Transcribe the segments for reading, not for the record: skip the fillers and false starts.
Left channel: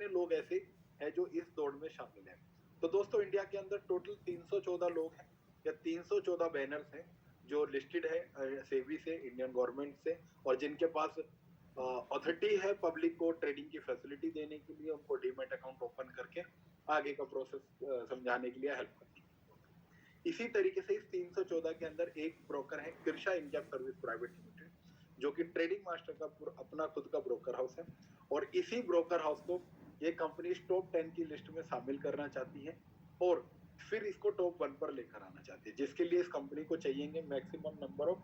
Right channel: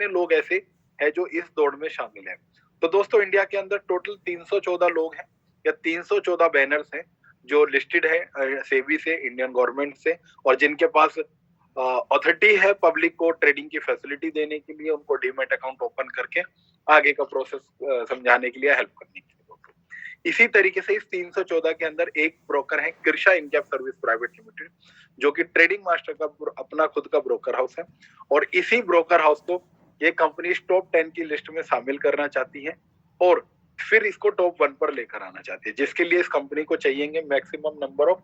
कितने लोग ऐसे हैं जो इस दौड़ में शामिल हैं। तो दोस्तों इंडिया के अंदर टोटल 314 लोग हैं या 314 बैनर्स हैं जो लिस्टेड है सेबी से, इंडियन गवर्नमेंट से, और जिनके पास अथॉरिटी है पब्लिक को ट्रेडिंग की फैसिलिटी देने के लिए, उनको डीमैट अकाउंट ओपन करके आगे का प्रोसेस समझाने के लिए, हेल्प करने के लिए। इसी तरीके से इस 314 के अंदर एक ब्रोकर है Krisha NCAP service private limited, जो कि ट्रेडिंग मास्टर का अपना खुद का ब्रोकर हाउस है, और इसी ब्रोकर हाउस को ये कंपनी टॉप 10 की लिस्ट में शामिल करना चाहती है और फिर इसको टॉप 1 पर लेकर आना चाहती है, जिसके लिए इस कंपनी को चाहिए maximum number of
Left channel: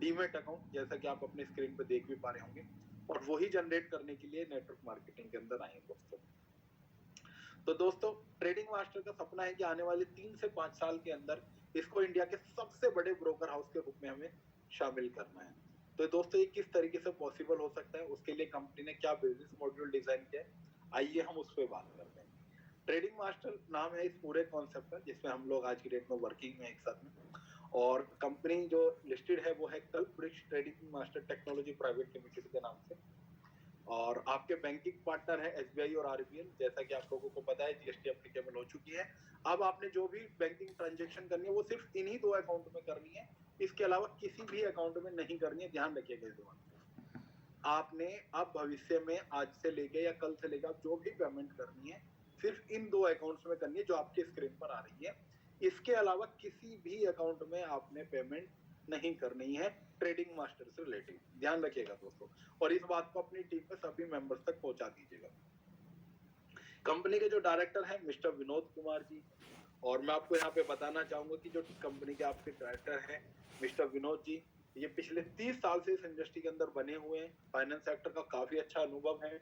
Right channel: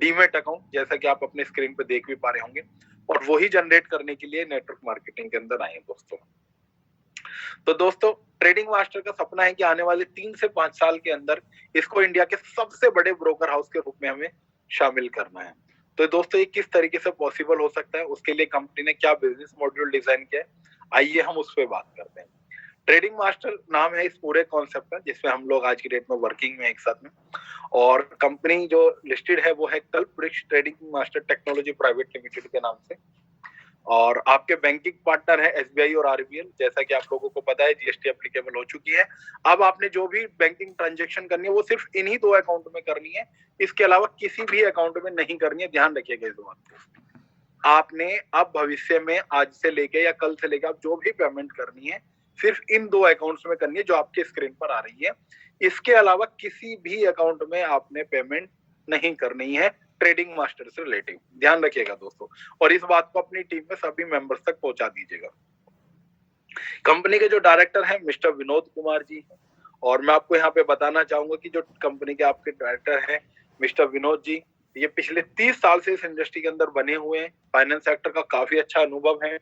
demat account, जैसा कि आप अपने स्क्रीन पे देख भी पा रहे होंगे, और वही जनरेट करने के लिए नेटवर्क मार्केटिंग के अंदर आए हैं दोस्तों। तो दोस्तों ट्रेडिंग मास्टर का सपना है कि आने वाले 3 से 5 साल के अंदर इसको इंडिया के सबसे बड़े ब्रोकर हाउस के रूप में हमें शामिल करना है। तो दोस्तों ये किस तरीके से पॉसिबल हो सकता है, उसके लिए कंपनी ने क्या बिजनेस मॉड्यूल डिजाइन किया है, आइए हम उस पर बात करते हैं। ट्रेडिंग मास्टर नाम है इस पूरे कॉन्सेप्ट का, जिसमें हम लोग आज की डेट में वर्किंग में एक साथ में, और कंपनी जो लिस्टेड है वो है Kalpavriksha trading master technology private limited के नाम से, और आपके बैंकिंग पार्टनर है एसबीआई और आरबीएल। जैसा कि आप लोगों को पता है जीएसटी एप्लीकेबल हो चुकी है। अब आपने जो भी बैंकिंग ट्रांजैक्शन करनी है वो सिर्फ इन्हीं 2 अकाउंट में करनी है, इसके अलावा किसी भी अकाउंट में नहीं करनी है, ध्यान रखिएगा इस बात को। आपने अब भविष्य में आज से लेके या कल से लेके आप जो भी पेमेंट करनी है सिर्फ इन 2 अकाउंट्स में करनी है जो आपके स्क्रीन पर आ रही है, इसके अलावा किसी भी अकाउंट में आपने पेमेंट नहीं करनी है ट्रेडिंग मास्टर से रिलेटिव, ध्यान रखिएगा दोस्तों, और इस बात को अपनी टीम में सभी मेंबर्स तक पहुंचा दीजिएगा। कंपनी के जो डायरेक्टर हैं मिस्टर विनोद कुमार जी, और मैं आपको यहाँ पे बताना चाहूंगा कि जो कंपनी के आपके डायरेक्टर हैं मिस्टर विनोद जी, ये पिछले 30 साल से इस इंडस्ट्री के अंदर बने हुए हैं, फाइनेंस सेक्टर का काफी अच्छा अनुभव है,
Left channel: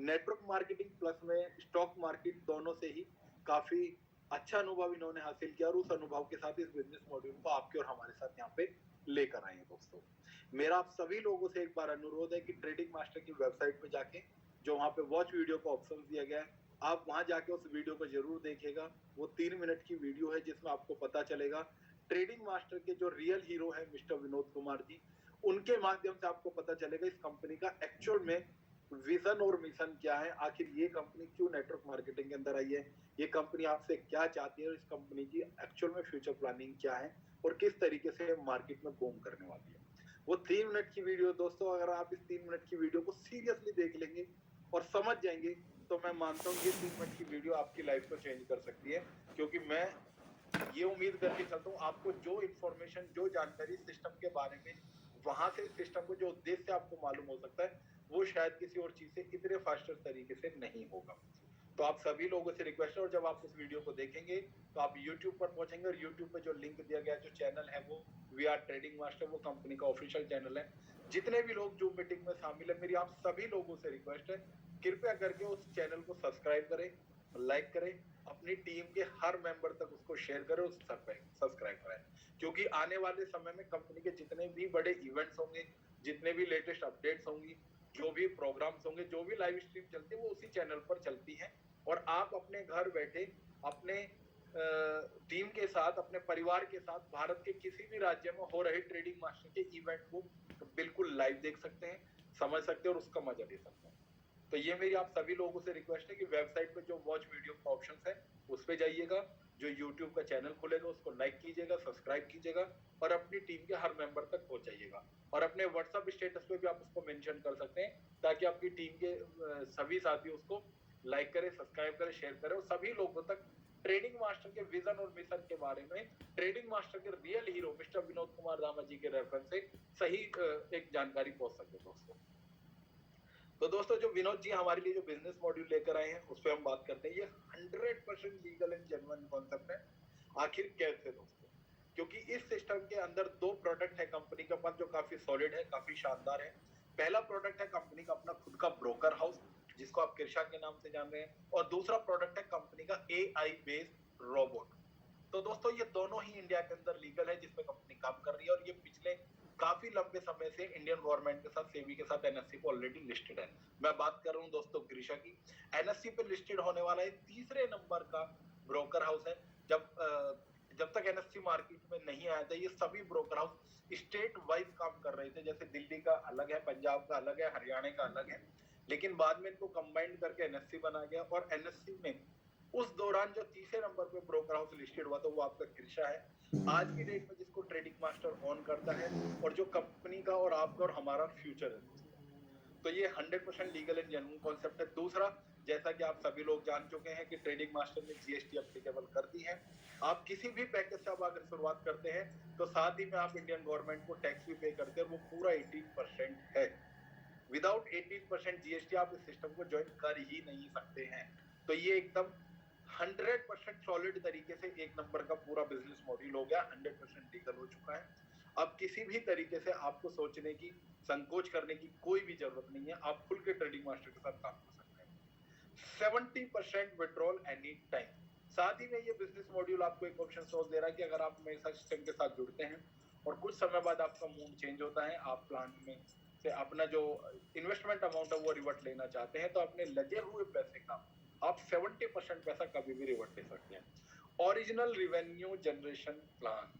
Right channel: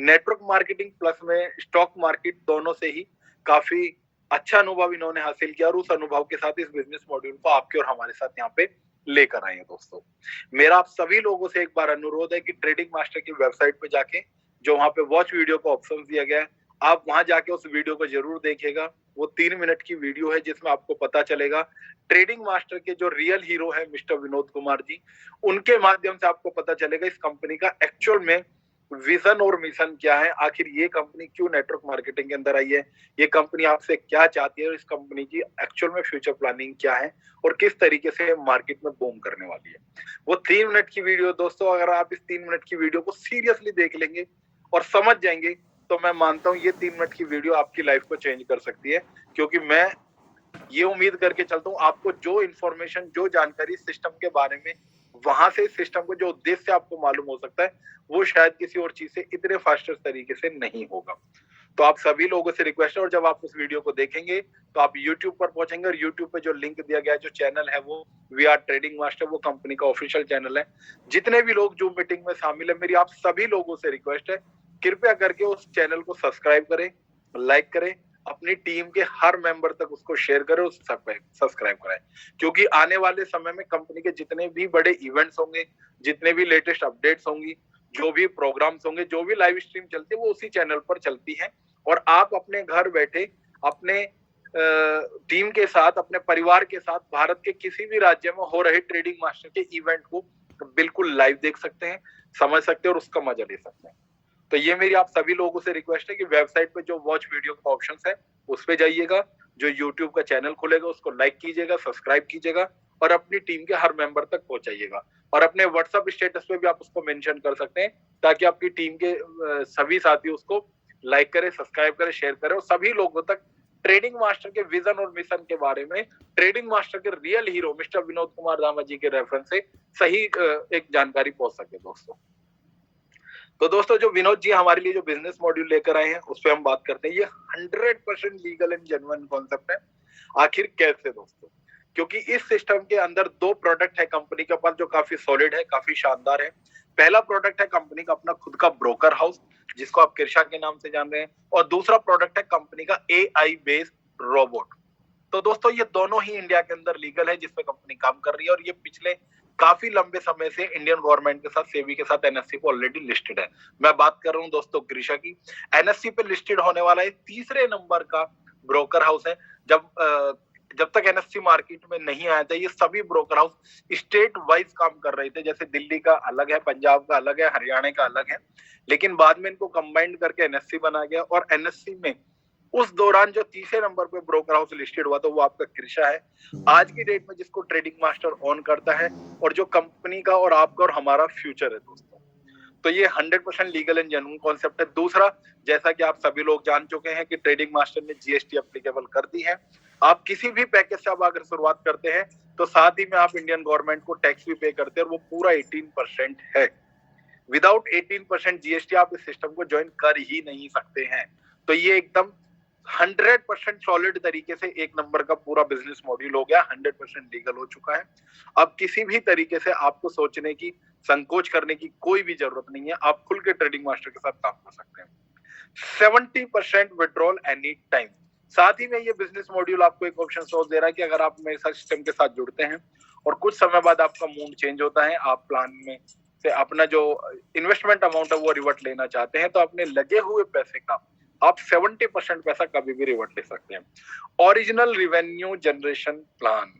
नेटवर्क मार्केटिंग प्लस में स्टॉक मार्केट दोनों से ही काफी अच्छा अनुभव इन्होंने हासिल किया, और उस अनुभव के साथ इस बिजनेस मॉड्यूल को आपके और हमारे साथ यहाँ पे लेकर आए हैं दोस्तों। मेरा आप सभी लोगों से एक बार अनुरोध है कि ट्रेडिंग मास्टर की वेबसाइट पे जाके जो वहां पे वॉच वीडियो का ऑप्शन दिया गया है, आप वहां जाके उस वीडियो को जरूर देखिएगा। वो 3 मिनट की वीडियो है जिसमें आपको पता चलेगा ट्रेडिंग मास्टर के जो रियल हीरो है मिस्टर विनोद कुमार जी, उनके माध्यम से आपको पता चलेगा इस कंपनी का एक्चुअल में विजन और मिशन क्या है, आखिर ये कंपनी क्यों नेटवर्क मार्केटिंग के अंदर आई है, ये कंपनी आपसे क्या चाहती है, और इस कंपनी की एक्चुअल में फ्यूचर प्लानिंग क्या है, और किस तरीके से मार्केट में बूम करने वाली है। वो 3 मिनट की वीडियो दोस्तों, अगर आप इस 3 मिनट की वीडियो को सीरियसली देख लेंगे और समझ जाएंगे, तो मैं मानता हूं ये 3 मिनट की वीडियो आपकी लाइफ को चेंज कर सकती है, क्योंकि मैं ये उम्मीद करके चलता हूँ आपको जो इन्फॉर्मेशन, जो जानकारी सिस्टम के बारे में वहां से सिस्टम को जो उद्देश्य आपको मालूम हो सकता है, वो शायद किसी और चीज से इतने फास्टर तरीके से नहीं होगा। तो आप सभी लोगों से रिक्वेस्ट है, और जब आप उस वीडियो को देखेंगे तो आप YouTube पर पहुंचेंगे, और YouTube पे जो लिंक दिया गया है, जो चैनल है वो वी आर ट्रेडिंग मास्टर, वो कंपनी का ऑफिशियल चैनल है। जितने भी लोग जूम मीटिंग में शामिल है, मेरी आप सभी लोगों से रिक्वेस्ट है, कृपया करके उस चैनल को सब्सक्राइब करें, लाइक करें, अपनी टीम के हर मेंबर तक उसको शेयर करें, उसको सब्सक्राइब कराएं, क्योंकि आने वाले समय में कंपनी के जितने भी बड़े इवेंट्स होंगे, जितने भी लेटेस्ट अपडेट्स होंगी, जो भी प्रोग्राम्स होंगे, जो भी लाइव स्ट्रीम चलती है, वो उसी चैनल पर चलती है, और आप अपने घर बैठे अपने टीम के साथ, अपने परिवार के साथ भारत के किसी भी राज्य में हो रहे ट्रेडिंग मास्टर के इवेंट को बिल्कुल लाइव देख सकते हैं, समझ सकते हैं, और उसका मजा ले सकते हैं। तो ये मेरी आप सभी लोगों से रिक्वेस्ट है कि वेबसाइट पे जो वॉच वीडियो का ऑप्शन है उस पे जाइएगा, जो यूट्यूब का चैनल खुलेगा उसको लाइक कीजिएगा, सब्सक्राइब कीजिएगा, और अपनी टीम के हर मेंबर तक पहुंचाइएगा, और अपने व्हाट्सएप स्टेटस पे भी आप उसको मेंशन कर सकते हैं, ताकि आपकी टीम के सभी साथी उसको लाइक करें, सब्सक्राइब करें, शेयर करें, और सभी लोगों तक ट्रेडिंग मास्टर के विजन और मिशन के बारे में, ट्रेडिंग मास्टर के real hero mister Vinod Kumar दामा जी के रेफरेंस से सही एक जानकारी पहुंच सके दोस्तों। तो दोस्तों जो विनोद जी हमारे लिए जो बिजनेस मॉड्यूल लेकर आए हैं उस पर हम बात करते हैं। ये 100% लीगल एंड जेन्युइन कॉन्सेप्ट है। आखिर कैसे दोस्तों? क्योंकि इस सिस्टम के अंदर 2 प्रोडक्ट है कंपनी के पास जो काफी सॉलिड है, काफी शानदार है। पहला प्रोडक्ट है कंपनी का अपना खुद का ब्रोकर हाउस, जिसको आप कृषा के नाम से जान रहे हैं, और दूसरा प्रोडक्ट है कंपनी का AI बेस्ड रोबोट। तो दोस्तों ये दोनों ही इंडिया के अंदर लीगल है, जिसपे कंपनी काम कर रही है, और ये पिछले काफी लंबे समय से इंडियन गवर्नमेंट के साथ, सेबी के साथ एनएससी पे ऑलरेडी लिस्टेड है। मैं बात कर रहा हूँ दोस्तों कृषा की। एनएससी पे लिस्टेड होने वाला है 3रे नंबर का ब्रोकर हाउस है। जब जब तक एनएससी मार्केट में नहीं आया था, ये सभी ब्रोकर हाउस स्टेट वाइज काम कर रहे थे। जैसे दिल्ली का अलग है, पंजाब का अलग है, हरियाणा का अलग है, लेकिन बाद में इनको कंबाइंड करके एनएससी बना गया। और एनएससी में उस दौरान जो तीसरे नंबर पे ब्रोकर हाउस लिस्टेड हुआ था वो आपका कृषा है। आज की डेट में जिसको ट्रेडिंग मास्टर ऑन करता है और जो कंपनी का और आपका और हमारा फ्यूचर है दोस्तों। तो ये 100% लीगल एंड जेन्युइन कॉन्सेप्ट है। दूसरा, जैसा कि आप सभी लोग जान चुके हैं कि ट्रेडिंग मास्टर ने जीएसटी एप्लीकेबल कर दी है। आप किसी भी पैकेज से आप अगर शुरुआत करते हैं तो साथ ही में आप इंडियन गवर्नमेंट को टैक्स भी पे करते हैं, और वो पूरा 18% है। विदाउट 18% जीएसटी आप इस सिस्टम को ज्वाइन कर ही नहीं सकते हैं। तो ये एकदम 100% सॉलिड तरीके से एक नंबर का पूरा बिजनेस मॉड्यूल हो गया, 100% लीगल हो चुका है। अब किसी भी तरीके से आपको सोचने की, संकोच करने की कोई भी जरूरत नहीं है। आप खुल के ट्रेडिंग मास्टर के साथ काम कर सकते हैं। 70% विड्रॉल एनी टाइम। साथ ही में ये बिजनेस मॉड्यूल आपको एक ऑप्शन सोच दे रहा है कि अगर आप मेरे साथ सिस्टम के साथ जुड़ते हैं और कुछ समय बाद आपका मूड चेंज होता है, आप प्लान में से अपना जो इन्वेस्टमेंट अमाउंट है वो रिवर्ट लेना चाहते हैं, तो अपने लगे हुए पैसे का आप 70% पैसा कभी भी रिवर्ट ले सकते हैं। Original revenue generation plan.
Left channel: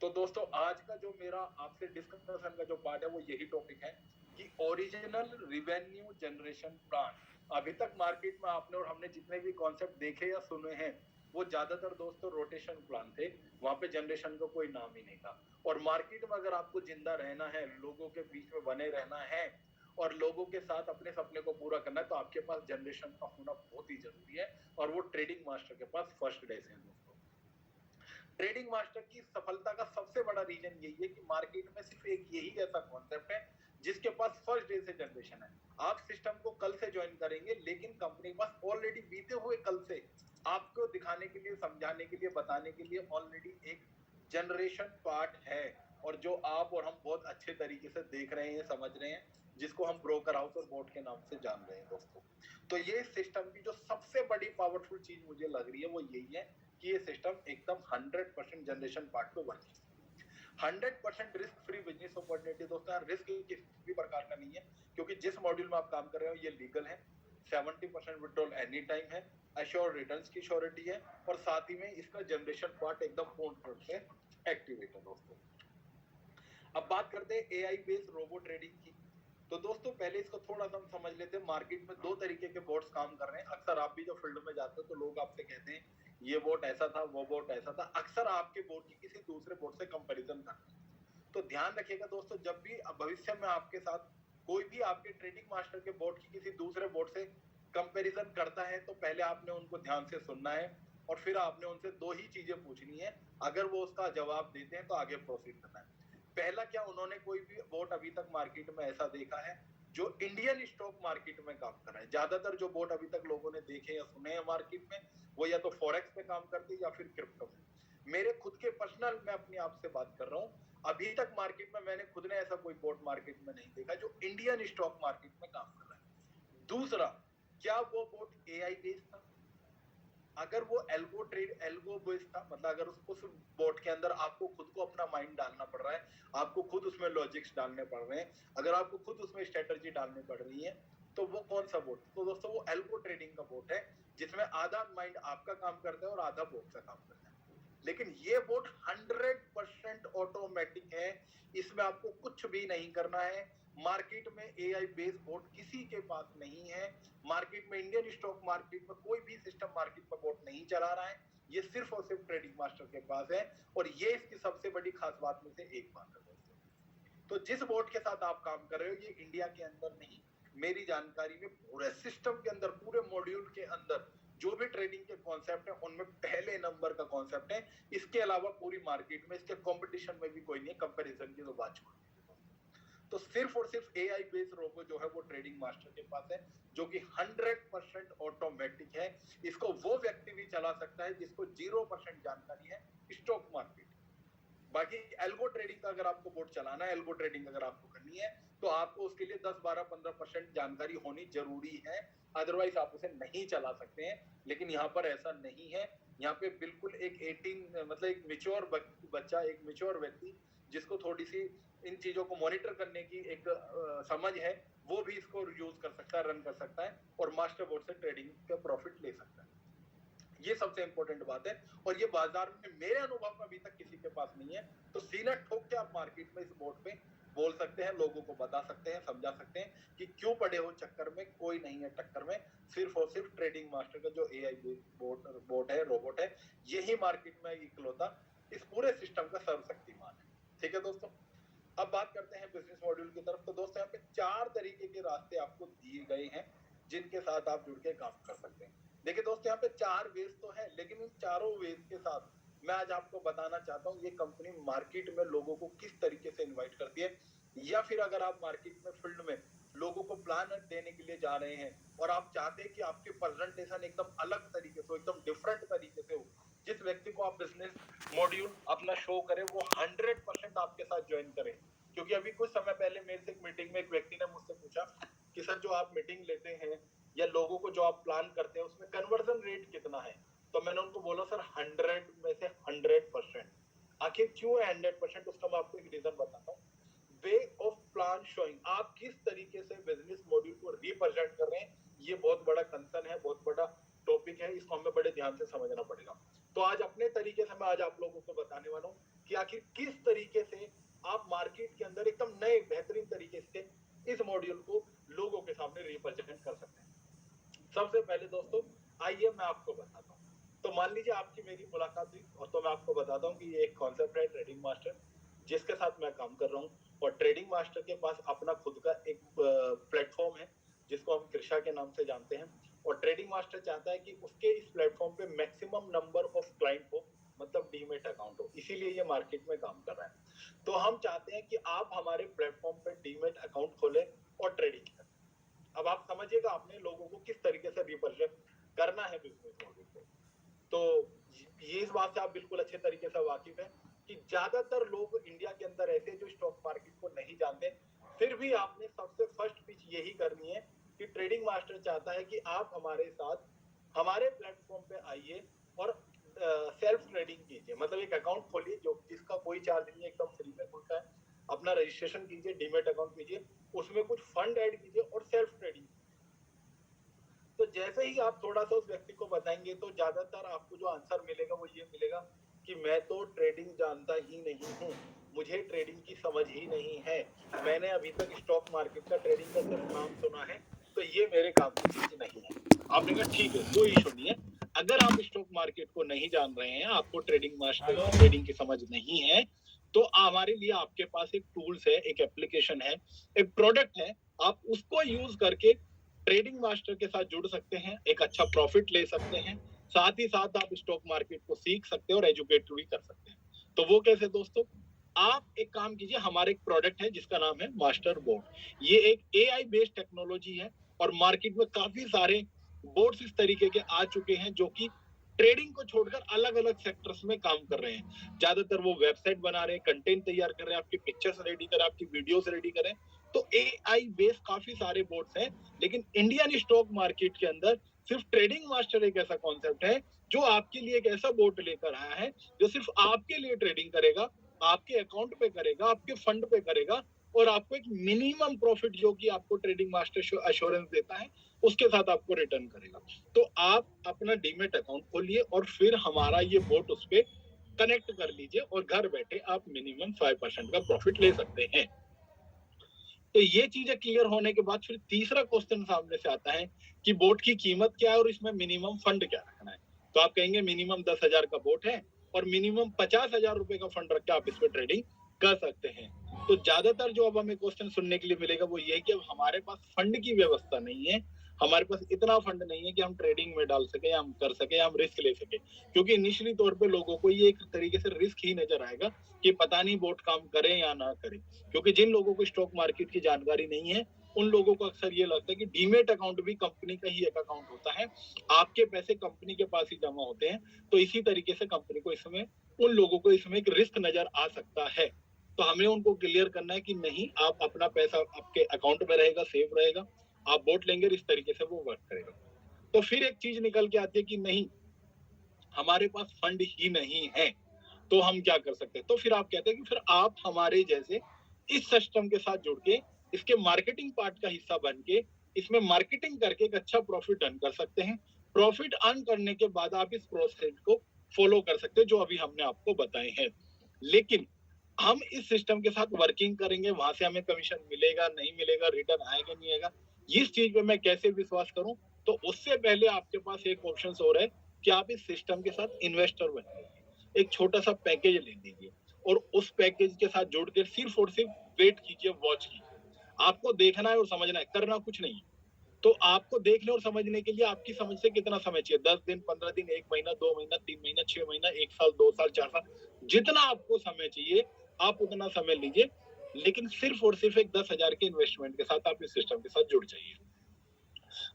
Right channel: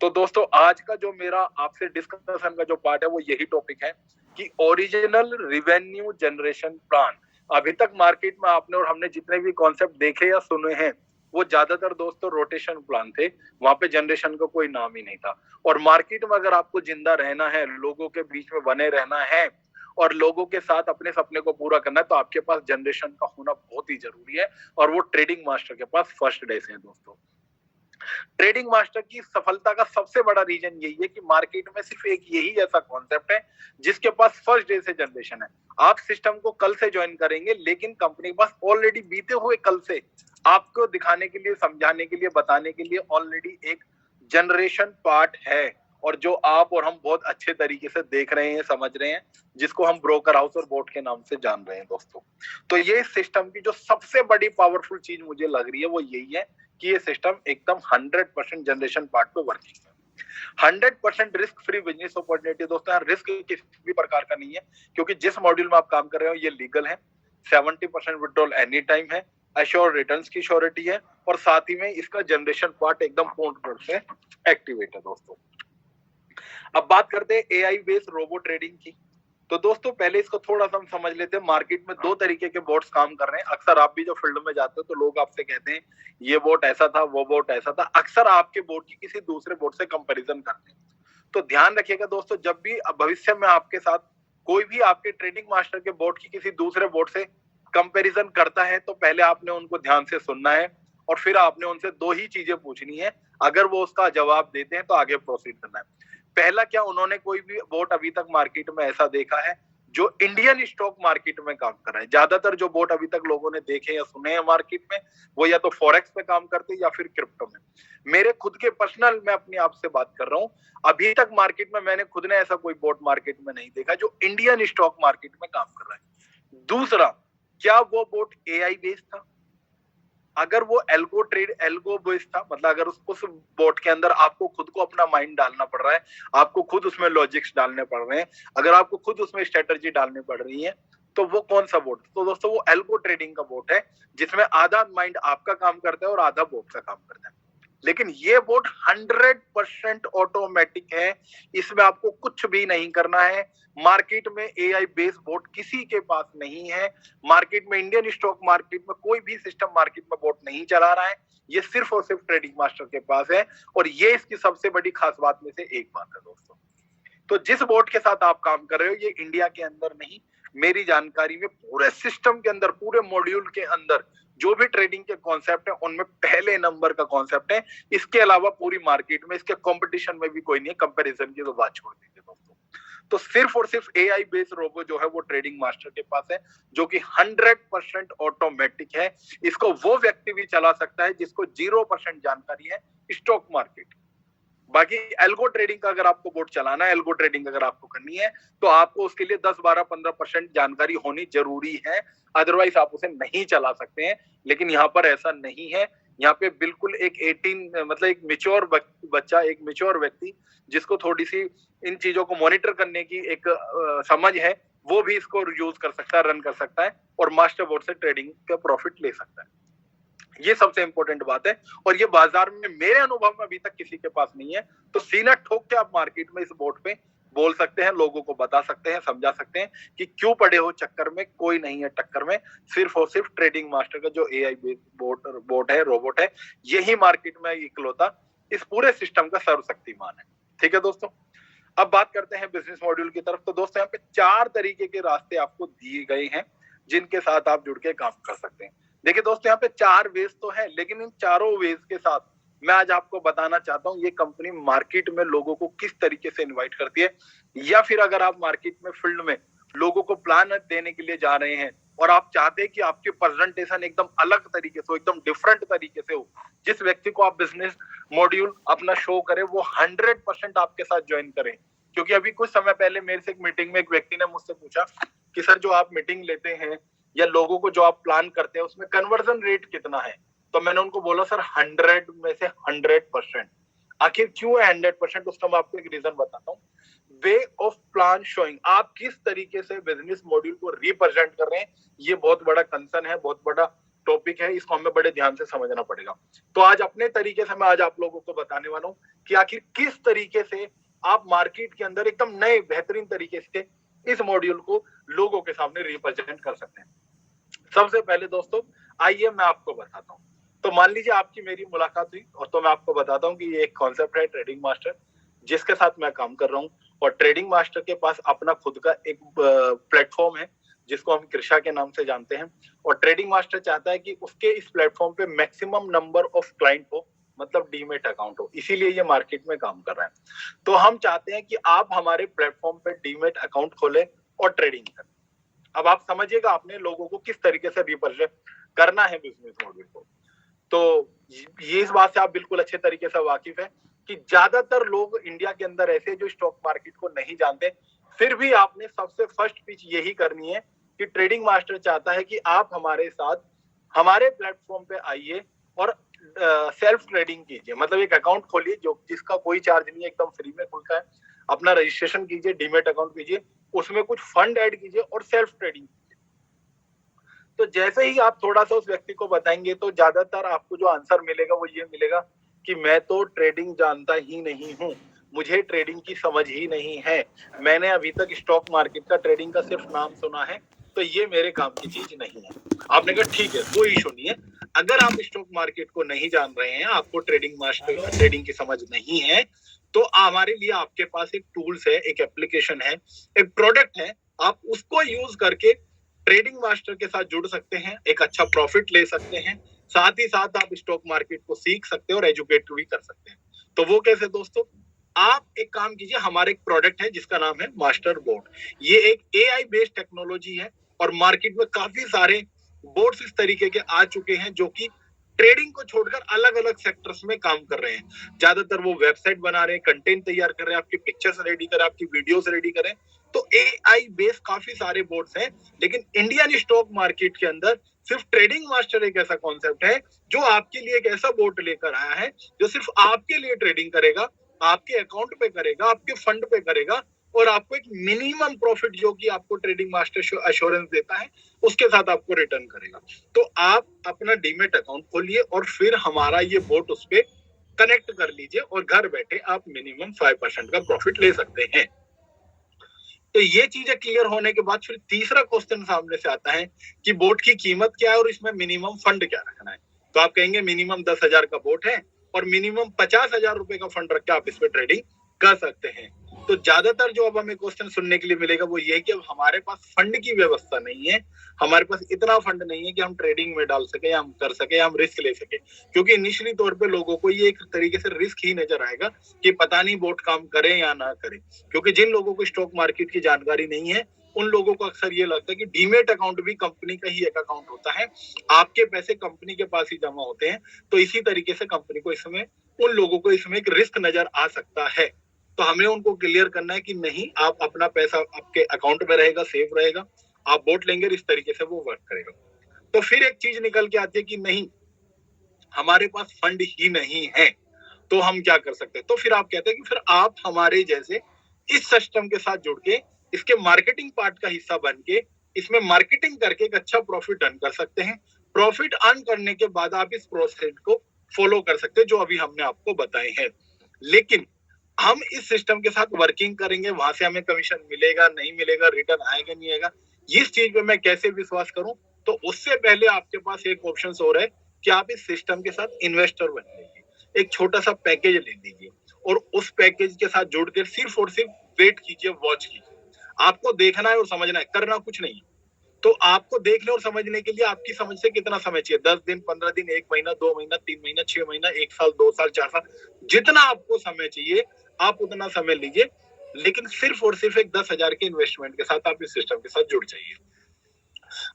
तो दोस्तों आज का जो मेरा आपसे डिस्कशन का जो पार्ट है वो यही टॉपिक है कि ओरिजिनल रिवेन्यू जनरेशन प्लान। अभी तक मार्केट में आपने और हमने जितने भी कॉन्सेप्ट देखे या सुने हैं वो ज्यादातर दोस्तों रोटेशन प्लान थे, वहां पे जनरेशन का कोई नाम ही नहीं था। और मार्केट में अगर आपको जिंदा रहना है, लोगों के बीच में बने रहना है और लोगों के साथ अपने सपने को पूरा करना है, तो आपके पास जनरेशन का होना बहुत ही जरूरी है, और वो ट्रेडिंग मास्टर के पास फर्स्ट डे से है दोस्तों। ट्रेडिंग मास्टर की सफलता का सबसे बड़ा रीजन यही है कि मार्केट में सिर्फ एक यही ऐसा कॉन्सेप्ट है जिसके पास फर्स्ट डे से जनरेशन है। आप सिस्टम को कल से ज्वाइन करेंगे, लेकिन कंपनी के पास ऑलरेडी बीते हुए कल से आपको दिखाने के लिए, समझाने के लिए, बताने के लिए ऑलरेडी एक जनरेशन पार्ट है, और जो आप और हम बहुत अच्छे तरीके से देख रहे हैं, समझ रहे हैं, जिसको हम ब्रोकर हाउस और बोर्ड के नाम से जान रहे हैं दोस्तों। तो ये सिस्टम की जो सबसे बड़ी पावरफुल चीज मुझे लग रही है वो यही है कि ये सिस्टम एकदम 100% जनरेशन पार्ट पे वर्किंग है। 100% रिस्क फ्री बिजनेस अपॉर्चुनिटी दोस्तों। रिस्क किसी भी प्रकार का नहीं है, क्योंकि जिस मॉड्यूल में आप काम कर रहे हो ये लीगल है। 70% विड्रॉल एनी टाइम है, अश्योर रिटर्न्स की श्योरिटी है, और साथ ही में इसका जनरेशन पार्ट एकदम पूर्ण रूप से एक्टिवेट है दोस्तों। अब बात करते हैं एआई बेस्ड रोबो ट्रेडिंग की। तो दोस्तों पहले इसको थोड़ा सा हम समझ लेते हैं। मार्केट में दो तरीके के बोट्स काम कर रहे हैं। अक्सर आप भी जो फील्ड में जाते हो तो लोग आपसे कहते हैं ये बोट ऐसा था, वो बोट ऐसा था। अक्सर आपके बोट की किसी दूसरे बोट से कंपैरिजन करते हैं। तो ध्यान रखिएगा दोस्तों, जब भी भविष्य में आपके साथ कोई भी आपके ट्रेडिंग मास्टर के बोट की किसी दूसरे बोट से कंपैरिजन करता है, तो पहले आपने उनको ध्यान से सुनना है और फिर आपने उनसे दो ही चीजें पूछनी है। अगर वो उसका जवाब देते हैं तो आगे प्रोसीड करना है। पहला, क्या उन्होंने कोई भी बोट अभी तक मार्केट में ऐसा देखा है जो इंडियन स्टॉक मार्केट में काम कर रहा है? ज्यादातर जो बोट अभी तक लोगों ने देखे या सुने हैं मार्केट में, वो या तो फॉरेक्स पे काम करते हैं या फिर क्रिप्टो में। मेरे खुद के पर्सनल, मैं अपनी आप से बात कर रहा हूं, अभी तक मार्केट में मैंने खुद ने ऐसा कोई बोट मार्केट में नहीं देखा जो इंडियन स्टॉक मार्केट में काम कर रहा है। दूसरा, क्या वो बोट एआई बेस्ड था? अगर वो एल्गो बेस्ड था, मतलब अगर उस बोट के अंदर आपको खुद को अपना माइंड डालना पड़ रहा है, आपको खुद उसमें लॉजिक्स डालने पड़ रहे हैं, अगर आपको खुद उसमें स्ट्रेटजी डालनी पड़ रही है, तो वो कौन सा बोट? तो दोस्तों वो एल्गो ट्रेडिंग का बोट है, जिसमें आधा माइंड आपका काम करता है और आधा बोट का काम करता है। लेकिन ये बोट 100% ऑटोमेटिक है, इसमें आपको कुछ भी नहीं करना है। मार्केट में एआई बेस्ड बोट किसी के पास नहीं है। मार्केट में, इंडियन स्टॉक मार्केट में कोई भी सिस्टम मार्केट में बोट नहीं चला रहा है। ये सिर्फ और सिर्फ ट्रेडिंग मास्टर के पास है, और ये इसकी सबसे बड़ी खास बात में से एक बात है दोस्तों। तो जिस बोट के साथ आप काम कर रहे हो, ये इंडिया के अंदर नहीं, मेरी जानकारी में पूरे सिस्टम के अंदर, पूरे मॉड्यूल के अंदर जो भी ट्रेडिंग के कॉन्सेप्ट है उनमें पहले नंबर का कॉन्सेप्ट है। इसके अलावा पूरी मार्केट में इसके कंपटीशन में भी कोई नहीं है। कंपैरिजन की तो बात छोड़ दीजिए दोस्तों। तो सिर्फ और सिर्फ एआई बेस्ड रोबो जो है वो ट्रेडिंग मास्टर के पास है, जो कि 100% ऑटोमेटिक है। इसको वो व्यक्ति भी चला सकता है जिसको 0% जानकारी है स्टॉक मार्केट। बाकी एल्गो ट्रेडिंग का अगर आपको बोर्ड चलाना है, एल्गो ट्रेडिंग अगर आपको करनी है, तो आपको उसके लिए 10, 12, 15% जानकारी होनी जरूरी है, अदरवाइज आप उसे नहीं चला सकते हैं। लेकिन यहाँ पर ऐसा नहीं है। यहाँ पे बिल्कुल एक 18, मतलब एक मेच्योर बच्चा, एक मेच्योर व्यक्ति जिसको थोड़ी सी इन चीजों को मॉनिटर करने की एक समझ है, वो भी इसको यूज कर सकता है, रन कर सकता है, और मास्टर बोर्ड से ट्रेडिंग का प्रॉफिट ले सकता है। ये सबसे इंपॉर्टेंट बात है, और ये बाजार में मेरे अनुभव में अभी तक किसी के पास नहीं है। तो सीना ठोक के आप मार्केट में इस बोर्ड पे बोल सकते हैं, लोगों को बता सकते हैं, समझा सकते हैं कि क्यों पड़े हो चक्कर में, कोई नहीं है टक्कर में। सिर्फ और सिर्फ ट्रेडिंग मास्टर का जो एआई बोर्ड है, रोबोट है, यही मार्केट में इकलौता इस पूरे सिस्टम का सर्वशक्तिमान है। ठीक है दोस्तों, अब बात करते हैं बिजनेस मॉड्यूल की तरफ। तो दोस्तों यहाँ पे 4 तरीके के रास्ते आपको दिए गए हैं जिनके साथ आप जुड़ के काम कर सकते हैं। देखिए दोस्तों, यहाँ पे 4 वेज तो है, लेकिन इन चारों वेज के साथ मैं आज आपको बताना चाहता हूँ ये कंपनी मार्केट में लोगों को किस तरीके से इनवाइट करती है, या फिर अगर आप मार्केट में फील्ड में लोगों को प्लान देने के लिए जा रहे हैं और आप चाहते हैं कि आपकी प्रेजेंटेशन एकदम अलग तरीके से हो, एकदम डिफरेंट तरीके से हो, जिस व्यक्ति को आप बिजनेस मॉड्यूल अपना शो करें वो 100% आपके साथ ज्वाइन करें। क्योंकि अभी कुछ समय पहले मेरे से एक मीटिंग में एक व्यक्ति ने मुझसे पूछा कि सर जो आप मीटिंग लेते हैं या लोगों को जो आप प्लान करते हैं उसमें कन्वर्जन रेट कितना है? तो मैंने उनको बोला सर 100 में से 100%। आखिर क्यों है 100%? उसका मैं आपको एक रीजन बताता हूँ। वे ऑफ प्लान शोइंग, आप किस तरीके से बिजनेस मॉड्यूल को रिप्रेजेंट कर रहे हैं, ये बहुत बड़ा कंसर्न है, बहुत बड़ा टॉपिक है, इसको हमें बड़े ध्यान से समझना पड़ेगा। तो आज अपने तरीके से मैं आज आप लोगों को बताने वाला हूँ कि आखिर किस तरीके से आप मार्केट के अंदर एकदम नए बेहतरीन तरीके से इस मॉड्यूल को लोगों के सामने रिप्रेजेंट कर सकते हैं। सबसे पहले दोस्तों आइए मैं आपको बताता हूँ। तो मान लीजिए आपकी मेरी मुलाकात हुई, और तो मैं आपको बताता हूँ कि ये एक कॉन्सेप्ट है ट्रेडिंग मास्टर जिसके साथ मैं काम कर रहा हूँ, और ट्रेडिंग मास्टर के पास अपना खुद का एक प्लेटफॉर्म है जिसको हम कृषा के नाम से जानते हैं। और ट्रेडिंग मास्टर चाहता है कि उसके इस प्लेटफॉर्म पे मैक्सिमम नंबर ऑफ क्लाइंट हो, मतलब डीमेट अकाउंट हो, इसीलिए ये मार्केट में काम कर रहा है। तो हम चाहते हैं कि आप हमारे प्लेटफॉर्म पे डीमेट अकाउंट खोलें और ट्रेडिंग करें। अब आप समझिएगा आपने लोगों को किस तरीके से रिप्रेजेंट करना है बिजनेस मॉडल को। तो ये इस बात से आप बिल्कुल अच्छे तरीके से वाकिफ है कि ज्यादातर लोग इंडिया के अंदर ऐसे जो स्टॉक मार्केट को नहीं जानते, फिर भी आपने सबसे फर्स्ट पिच यही करनी है कि ट्रेडिंग मास्टर चाहता है कि आप हमारे साथ हमारे प्लेटफॉर्म पे आइए और सेल्फ ट्रेडिंग कीजिए, मतलब एक अकाउंट खोलिए जो जिसका कोई चार्ज नहीं है, एकदम फ्री में खुलता है। अपना रजिस्ट्रेशन कीजिए, डीमेट अकाउंट कीजिए, उसमें कुछ फंड ऐड कीजिए और सेल्फ ट्रेडिंग। तो जैसे ही आप थोड़ा सा उस व्यक्ति को बताएंगे तो ज्यादातर आपको जो आंसर मिलेगा वो ये मिलेगा कि मैं तो ट्रेडिंग जानता ही नहीं हूँ, मुझे ट्रेडिंग की समझ ही नहीं है, मैंने अभी तक स्टॉक मार्केट का ट्रेडिंग का सिर्फ नाम सुना है, तो ये मेरे काम की चीज नहीं है। आपने कहा ठीक है, कोई इशू नहीं है। अगर आप स्टॉक मार्केट को नहीं जान रहे हैं, आपको ट्रेडिंग की समझ नहीं है, तो हमारे लिए आपके पास एक टूल्स है, एक एप्लीकेशन है, एक प्रोडक्ट है, आप उसको यूज करके ट्रेडिंग मास्टर के साथ जुड़ सकते हैं, एक अच्छा प्रॉफिट ले सकते हैं, साथ ही साथ आप स्टॉक मार्केट को सीख सकते हैं और एजुकेट भी कर सकते हैं। तो वो कैसे दोस्तों? आप एक काम कीजिए, हमारे एक प्रोडक्ट है जिसका नाम है मास्टर बोर्ड। ये एक एआई बेस्ड टेक्नोलॉजी है और मार्केट में काफी सारे बोर्ड्स इस तरीके के आ चुके हैं जो कि ट्रेडिंग को छोड़कर अलग अलग सेक्टर्स में काम कर रहे हैं। ज्यादातर वो वेबसाइट बना रहे हैं, कंटेंट तैयार कर रहे हैं, आपकी पिक्चर्स रेडी कर रहे हैं, आपकी वीडियोस रेडी कर रहे हैं। तो एआई बेस्ड काफी सारे बोर्ड्स हैं, लेकिन इंडियन स्टॉक मार्केट के अंदर सिर्फ ट्रेडिंग मास्टर एक ऐसा कॉन्सेप्ट है जो आपके लिए एक ऐसा बोर्ड लेकर आया है जो सिर्फ आपके लिए ट्रेडिंग करेगा, आपके अकाउंट पे करेगा, आपके फंड पे करेगा, और आपको एक मिनिमम प्रॉफिट जो कि आपको ट्रेडिंग मास्टर अश्योरेंस देता है उसके साथ आपको रिटर्न करेगा। तो आप अपना डीमेट अकाउंट खोलिए और फिर हमारा ये बोट उस पर कनेक्ट कर लीजिए और घर बैठे आप मिनिमम 5% का प्रॉफिट ले सकते हैं। तो ये चीजें क्लियर होने के बाद फिर तीसरा क्वेश्चन सामने से आता है कि बोट की कीमत क्या है और इसमें मिनिमम फंड क्या रखना है। तो आप कहेंगे मिनिमम 10,000 का बोट है और मिनिमम 50,000 रुपए का फंड रख के आप इस पे ट्रेडिंग कर सकते हैं। तो ज्यादातर जो अब हमें क्वेश्चन सुनने के लिए मिलेगा वो ये है कि अब हमारे पास फंड की व्यवस्था नहीं है, हमारे पास इतना फंड नहीं है कि हम ट्रेडिंग में डाल सके, हम कर सके, हम रिस्क ले सके। क्योंकि इनिशियली तौर पे लोगों को ये एक तरीके से रिस्क ही नजर आएगा कि पता नहीं बोट काम करे या ना करे। क्योंकि जिन लोगों को स्टॉक मार्केट की जानकारी नहीं है उन लोगों को अक्सर ये लगता है कि डीमेट अकाउंट भी कंपनी का ही एक अकाउंट होता है, आपके पैसे कंपनी के पास ही जमा होते हैं। तो इसी तरीके से कंपनी को इसमें उन लोगों को इसमें एक रिस्क नजर आ सकता है। तो हमें उनको क्लियर करना है कि नहीं, आप अपना पैसा आपके अकाउंट में रहेगा, सेफ रहेगा, आप बोट लेंगे इस तरीके से वो वर्क करेगा। तो फिर एक चीज निकल के आती है कि नहीं, हमारे पास फंड ही नहीं है, तो हम क्या कर सकते हैं? तो फिर आप कहते हैं कि फिर आप हमारे जैसे इस सिस्टम के साथ जुड़ के इसके मार्केटिंग पार्ट का हिस्सा बन के इसमें मार्केटिंग करके एक अच्छा प्रॉफिट अर्न कर सकते हैं। प्रॉफिट अर्न करने के बाद आप इस प्रोसेस को फॉलो कर सकते हैं जो अभी हमने आपको बताए हैं। लेकिन हम इस सिस्टम के साथ वर्किंग करेंगे, वहां से हमें कमीशन मिलेगा नहीं मिलेगा, रिटर्न आएगा नहीं आएगा, इस चीज पे मैं कैसे विश्वास करूं? तो उससे पहले आपके पास एक ऑप्शन और है कि आप इस सिस्टम के साथ इन्वेस्टर बन जाइए, एक छोटा सा पैकेज ले लीजिए और उस पैकेज के साथ जुड़ के सिर्फ और सिर्फ वेट कीजिए, वॉच कीजिए। आपको देखना है और समझना है, करना कुछ नहीं है। तो आपको देखने और समझने के लिए आपकी समझ से कितना समय चाहिए? 10 दिन, 15 दिन, 1 महीना, 2 महीना, 3 महीना, 6 महीना, 1 साल, 2 साल, 4 साल, जितना आपको समय चाहिए आप उतना समय लीजिए। लेकिन सिर्फ और सिर्फ एक 10,000 के इन्वेस्टमेंट के साथ आप इस सिस्टम के साथ जुड़ जाइए।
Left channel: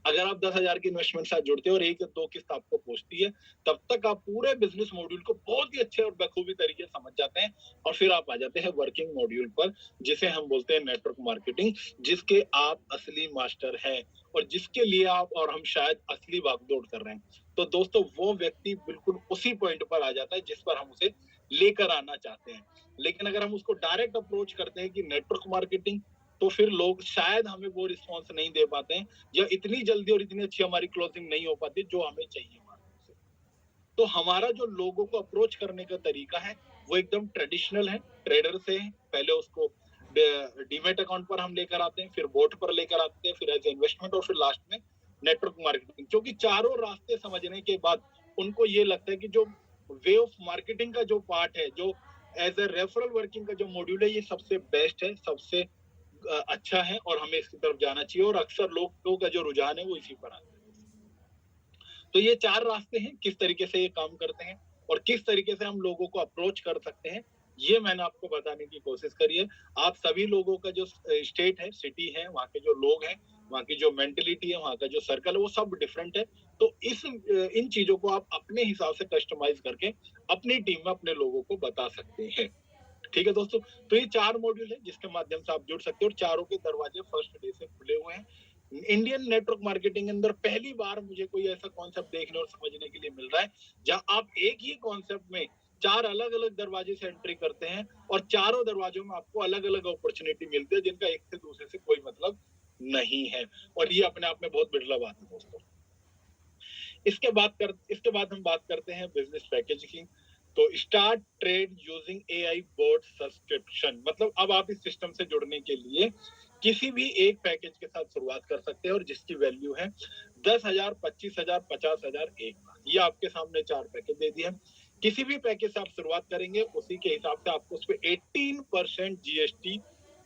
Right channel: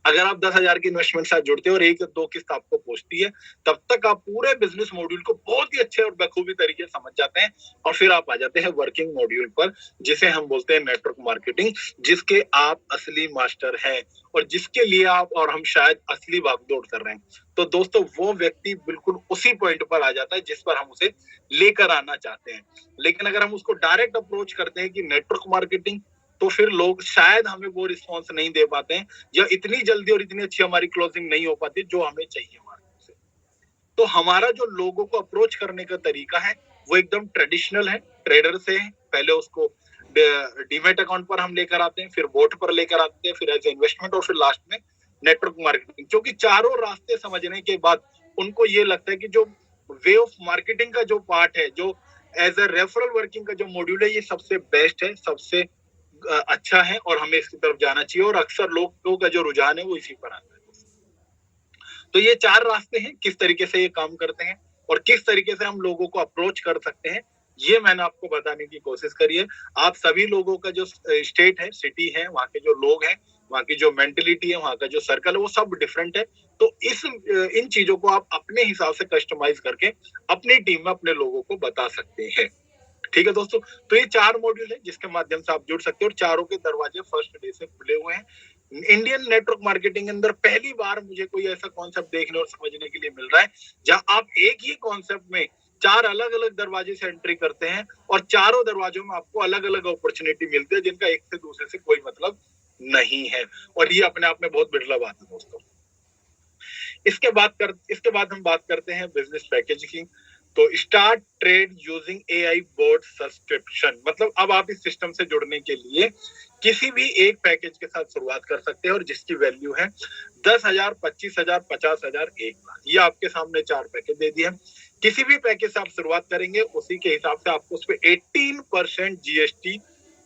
अगर आप 10,000 की इन्वेस्टमेंट साथ जुड़ते हैं और 1 या 2 किस्त आपको पहुंचती है, तब तक आप पूरे बिजनेस मॉड्यूल को बहुत ही अच्छे और बखूबी तरीके से समझ जाते हैं और फिर आप आ जाते हैं वर्किंग मॉड्यूल पर, जिसे हम बोलते हैं नेटवर्क मार्केटिंग, जिसके आप असली मास्टर हैं और जिसके लिए आप और हम शायद असली भागदौड़ कर रहे हैं। तो दोस्तों, वो व्यक्ति बिल्कुल उसी पॉइंट पर आ जाता है जिस पर हम उसे लेकर आना चाहते हैं। लेकिन अगर हम उसको डायरेक्ट अप्रोच करते हैं कि नेटवर्क मार्केटिंग, तो फिर लोग शायद हमें वो रिस्पॉन्स नहीं दे पाते हैं या इतनी जल्दी और इतनी अच्छी हमारी क्लोजिंग नहीं हो पाती जो हमें चाहिए मार्केट से। तो हमारा जो लोगों को अप्रोच करने का तरीका है वो एकदम ट्रेडिशनल है, ट्रेडर से है। पहले उसको डीमेट अकाउंट पर हम लेकर आते हैं, फिर बोट पर लेकर आते हैं, फिर एज इन्वेस्टमेंट और फिर लास्ट में नेटवर्क मार्केटिंग। क्योंकि चारों रास्ते समझने के बाद उनको ये लगता है कि जो वे ऑफ मार्केटिंग का जो पार्ट है, जो एज ए रेफरल वर्किंग का जो मॉड्यूल है, ये सबसे बेस्ट है, सबसे अच्छा है और हमें इसकी तरफ जाना चाहिए और अक्सर लोगों का जो रुझान है वो इसी पर आता है। तो ये 4 रास्ते हैं किस तरीके से ये काम करते हैं और किस तरीके से हम लोगों को अप्रोच कर सकते हैं, ये मैंने आपको बताने की कोशिश करी है। आप सभी लोगों का जो स्टेट है, सिटी है, वहाँ के जो लोग हैं, वहाँ की जो मेंटेलिटी है, वहाँ का जो सर्कल है, वो सब डिफरेंट है। तो इन चीजों को आप अपने हिसाब से कस्टमाइज करके अपनी टीम में अपने लोगों को बता सकते हैं। ठीक है दोस्तों, तो ये 4 मॉड्यूल है जिसके माध्यम से आप जुड़ सकते हो और चारों के दरवाजे फर्स्ट डे से खुले हुए हैं। इंडियन नेटवर्क मार्केटिंग के अंदर पहली बार मुझे कोई ऐसा कॉन्सेप्ट देखने और समझने के लिए मिल रहा है जहां आप एक ही कॉन्सेप्ट में 4 अलग अलग दरवाजे से एंट्री करते हैं और चारों दरवाजों में आपको अलग अलग अपॉर्चुनिटी मिलती है जिनका एक से दूसरे से कोई मतलब नहीं है। और ये अपने आप में बहुत बिरला बात है दोस्तों। इसके बाद हम बात करते हैं बिजनेस पैकेज की। तो start trade using AI boat subscription, मतलब अब आप इस सिस्टम से जुड़ने के लिए किसी भी एक पैकेज के साथ शुरुआत कर सकते हैं और जिसकी वैल्यू है 10,000, 25,000, 50,000, 1,00,000। ये आपके सामने 4 पैकेज दे दिए। किसी भी पैकेज से आप शुरुआत करेंगे उसी के हिसाब से आपको उस पर 18% जीएसटी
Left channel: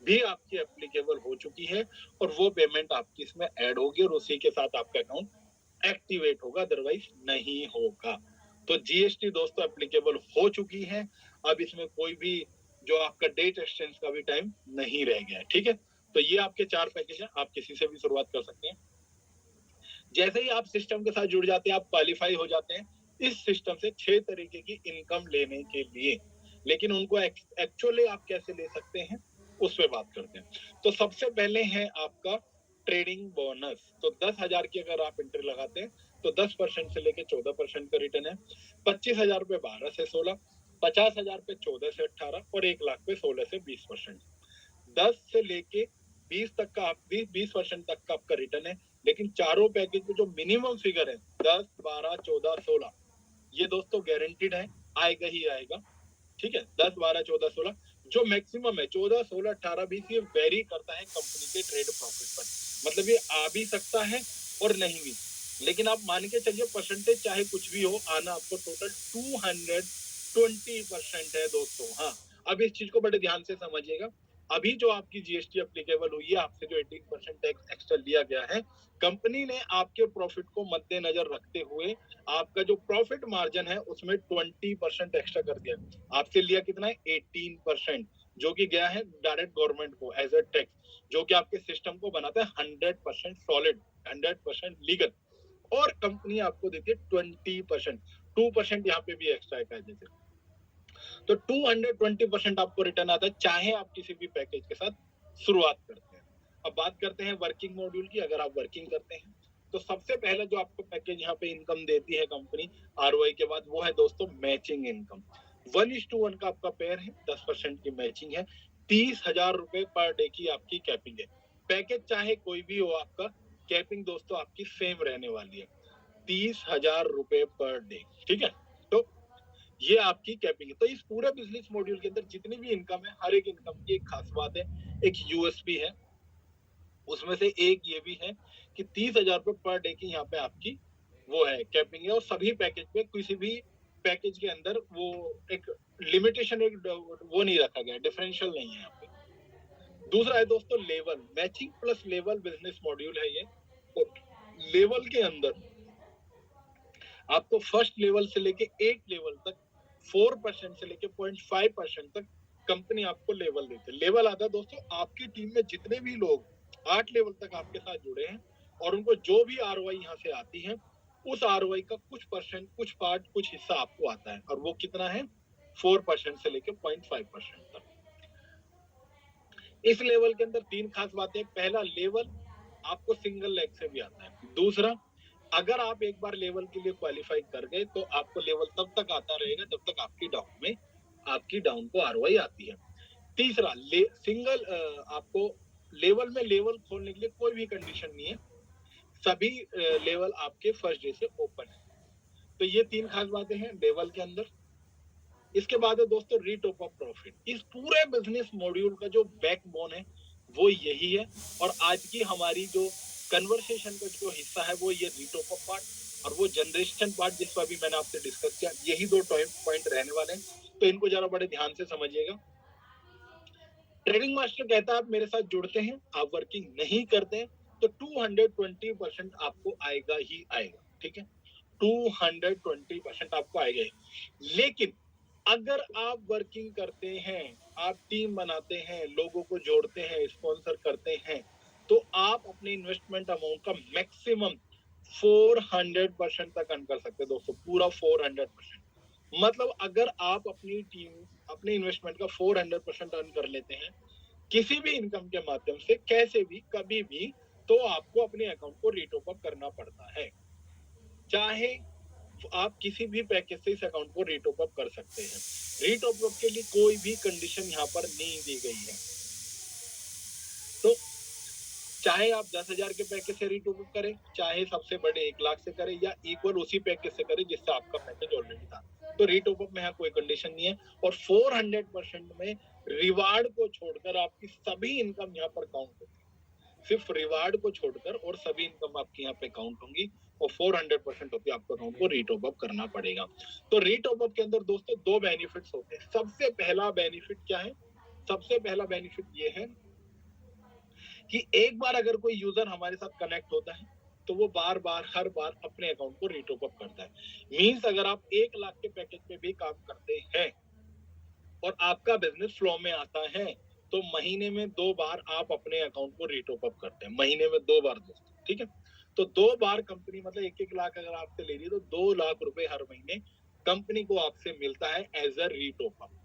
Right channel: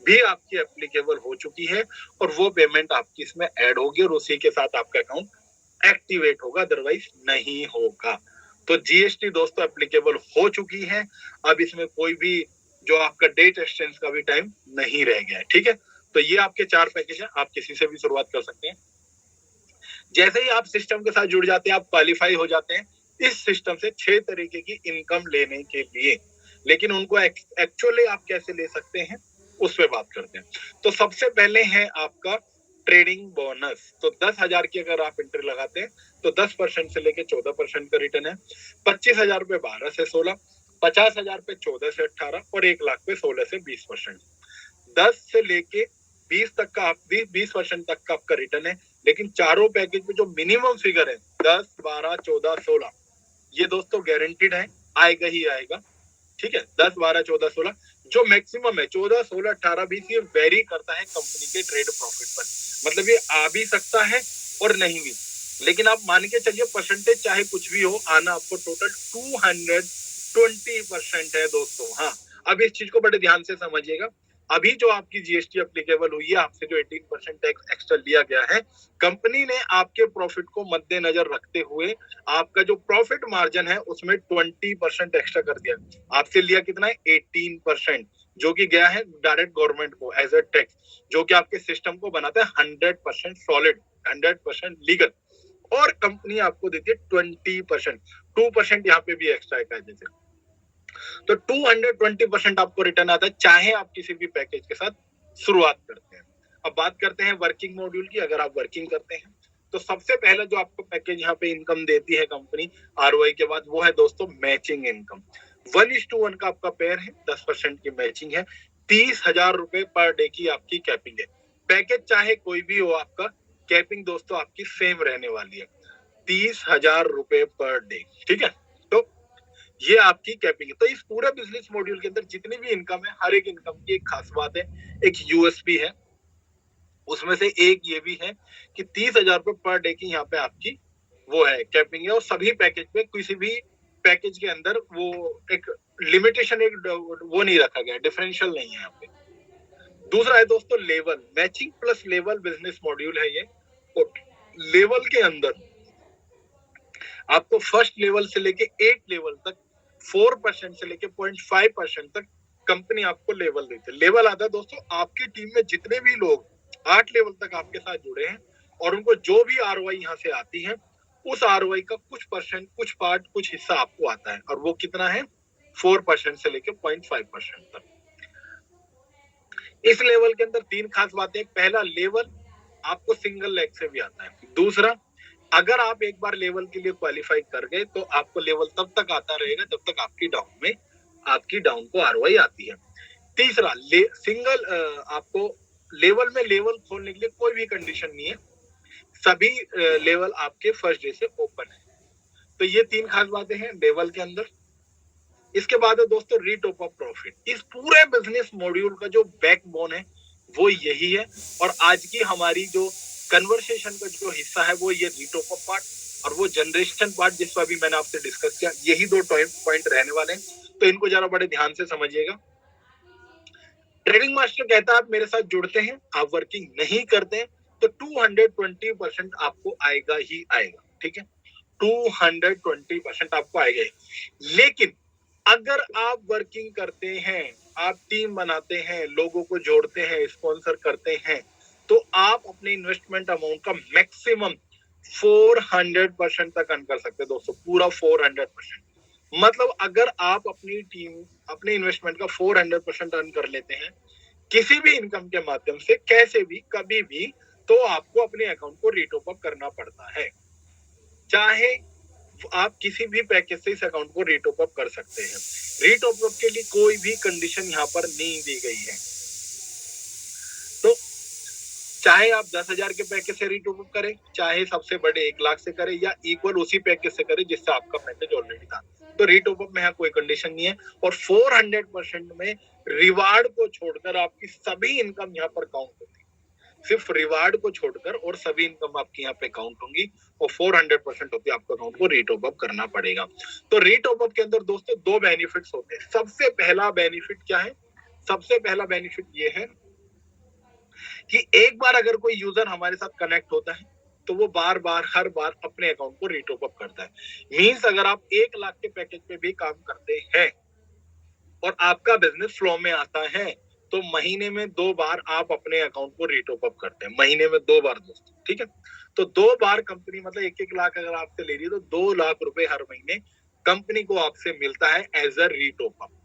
भी आपकी एप्लीकेबल हो चुकी है और वो पेमेंट आपकी इसमें ऐड होगी और उसी के साथ आपका अकाउंट एक्टिवेट होगा, अदरवाइज नहीं होगा। तो जीएसटी दोस्तों एप्लीकेबल हो चुकी है। अब इसमें कोई भी जो आपका डेट एक्सचेंज का भी टाइम नहीं रह गया है। ठीक है, तो ये आपके 4 पैकेज हैं, आप किसी से भी शुरुआत कर सकते हैं। जैसे ही आप सिस्टम के साथ जुड़ जाते हैं, आप क्वालिफाई हो जाते हैं इस सिस्टम से 6 तरीके की इनकम लेने के लिए। लेकिन उनको एक्चुअली आप कैसे ले सकते हैं उस पर बात करते हैं। तो सबसे पहले है आपका ट्रेडिंग बोनस। तो 10,000 की अगर आप एंट्री लगाते हैं तो 10% से लेके 14% का रिटर्न है। 25,000 पे 12 से 16, 50,000 पे 14 से 18 और 1,00,000 पे 16 से 20%। 10 से लेके 20 तक का आप 20% तक का आपका रिटर्न है। लेकिन चारों पैकेज में जो मिनिमम फिगर है 10, 12, 14, 16, ये दोस्तों गारंटीड है, आएगा ही आएगा। ठीक है, 10, 12, 14, 16 जो मैक्सिमम है 14, 16, 18, 20 ये वेरी करता है कंपनी के ट्रेड प्रॉफिट पर। मतलब ये आ भी सकता है और नहीं भी, लेकिन आप मान के चलिए परसेंटेज चाहे कुछ भी हो, आना आपको टोटल 220% है दोस्तों। हाँ, अब इस चीज को बड़े ध्यान से समझिएगा। अभी जो आपकी जीएसटी एप्लीकेबल हुई है, आपसे जो 18% टैक्स एक्स्ट्रा लिया गया है, कंपनी ने आपके प्रॉफिट को मद्देनजर रखते हुए आपका जो प्रॉफिट मार्जिन है उसमें 20% एक्स्ट्रा कर दिया। आपसे लिया कितना है 18%, जो कि गया है डायरेक्ट गवर्नमेंट को एज ए टैक्स, जो कि आपके सिस्टम को बनाता है 100% सॉलिड, 100% लीगल। और कंपनी आपको देती है 20%, 2% यहाँ पे भी एक्स्ट्रा है जैसे। तो 220% आपको रिटर्न आता है, चाहे आप किसी भी पैकेज के साथ शुरुआत करते हैं। अब बात करते हैं वर्किंग मॉड्यूल की। अगर आप वर्किंग करते हैं तो सबसे पहले जो आपको पैकेज यहाँ पे इनकम देती है कंपनी आरओआई के बाद, वो है दोस्तों मैचिंग इनकम। 1:1 का आपका पेयर है, 10% की मैचिंग है, 30,000 रुपए पर डे की आपकी कैपिंग है। पैकेज चाहे कोई भी हो आपका, कैपिंग दोस्तों आपकी सेम रहने वाली है। 30,000 रुपए पर डे, ठीक है। तो ये आपकी कैपिंग है। तो इस पूरे बिजनेस मॉड्यूल के अंदर जितनी भी इनकम है, हर एक इनकम की एक खास बात है, एक यूएसपी है। उसमें से एक ये भी है कि 30,000 रुपए पर डे की यहाँ पे आपकी वो है कैपिंग है, और सभी पैकेज पे किसी भी पैकेज के अंदर वो एक लिमिटेशन, एक वो नहीं रखा गया, डिफरेंशियल नहीं है यहाँ पे। दूसरा है दोस्तों level, matching plus level business module है ये। लेवल के अंदर आपको फर्स्ट लेवल से लेके 8 लेवल तक 4% से लेके 0.5% तक कंपनी आपको लेवल देती है। लेवल आता है दोस्तों आपकी टीम में जितने भी लोग 8 लेवल तक आपके साथ जुड़े हैं और उनको जो भी आरओआई यहाँ से आती है, उस आरओआई का कुछ परसेंट, कुछ पार्ट, कुछ हिस्सा आपको आता है, और वो कितना है 4% से लेके 0.5% तक। इस लेवल के अंदर 3 खास बातें। पहला, लेवल आपको सिंगल लेग से भी आता है। दूसरा, अगर आप एक बार लेवल के लिए क्वालिफाई कर गए तो आपको लेवल तब तक आता रहेगा जब तक आपकी डाउन को आरओआई आती है। तीसरा, सिंगल आपको लेवल में लेवल खोलने के लिए कोई भी कंडीशन नहीं है, सभी लेवल आपके फर्स्ट डे से ओपन है। तो ये 3 खास बातें हैं लेवल के अंदर। इसके बाद है दोस्तों रीटॉप ऑफ प्रॉफिट। इस पूरे बिजनेस मॉड्यूल का जो बैकबोन है वो यही है, और आज की हमारी जो कन्वर्सेशन का जो हिस्सा है वो ये रीटॉप ऑफ पार्ट और वो जनरेशन पार्ट जिस पर भी मैंने आपसे डिस्कस किया, यही 2 पॉइंट रहने वाले हैं। तो इनको जरा बड़े ध्यान से समझिएगा। ट्रेडिंग मास्टर कहता है आप मेरे साथ जुड़ते हैं, आप वर्किंग नहीं करते हैं, तो 220% आपको आएगा ही आएगा, ठीक है। 220% आपको आएगा ही। लेकिन अगर आप वर्किंग करते हैं, आप टीम बनाते हैं, लोगों को जोड़ते हैं, स्पॉन्सर करते हैं, तो आप अपने इन्वेस्टमेंट अमाउंट का मैक्सिमम 400% तक अर्न कर सकते हैं दोस्तों, पूरा 400%। मतलब अगर आप अपनी टीम, अपने इन्वेस्टमेंट का 400% अर्न कर लेते हैं किसी भी इनकम के माध्यम से, कैसे भी, कभी भी, तो आपको अपने अकाउंट को रीटॉप अप करना पड़ता है। चाहे आप किसी भी पैकेज से इस अकाउंट को रीटॉप अप कर सकते हैं। रीटॉप अप के लिए कोई भी कंडीशन यहाँ पर नहीं दी गई है। तो चाहे आप 10,000 के पैकेज से रीटॉप अप करें, चाहे सबसे बड़े 1 लाख से करें, या इक्वल उसी पैकेज से करें जिससे आपका पैकेज ऑलरेडी था, तो रीटॉप अप में यहाँ कोई कंडीशन नहीं है। और 400% में रिवार्ड को छोड़कर आपकी सभी इनकम यहाँ पर काउंट होती है। सिर्फ रिवार्ड को छोड़कर और सभी इनकम आपकी यहाँ पे काउंट होंगी, और 400% होती है आपको अकाउंट को रीटॉप अप करना पड़ेगा। तो रीटॉप अप के अंदर दोस्तों 2 बेनिफिट्स होते हैं। सबसे पहला बेनिफिट क्या है? सबसे पहला बेनिफिट ये है कि एक बार अगर कोई यूजर हमारे साथ कनेक्ट होता है तो वो बार बार, हर बार अपने अकाउंट को रीटॉप अप करता है। मींस अगर आप 1 लाख के पैकेज पे भी काम करते हैं और आपका बिजनेस फ्लो में आता है, तो महीने में 2 बार आप अपने अकाउंट को रीटॉप अप करते हैं, महीने में 2 बार दोस्तों, ठीक है। तो 2 बार कंपनी, मतलब 1-1 लाख अगर आपसे ले रही है तो 2 लाख रुपए हर महीने कंपनी को आपसे मिलता है एज अ रीटॉप अप।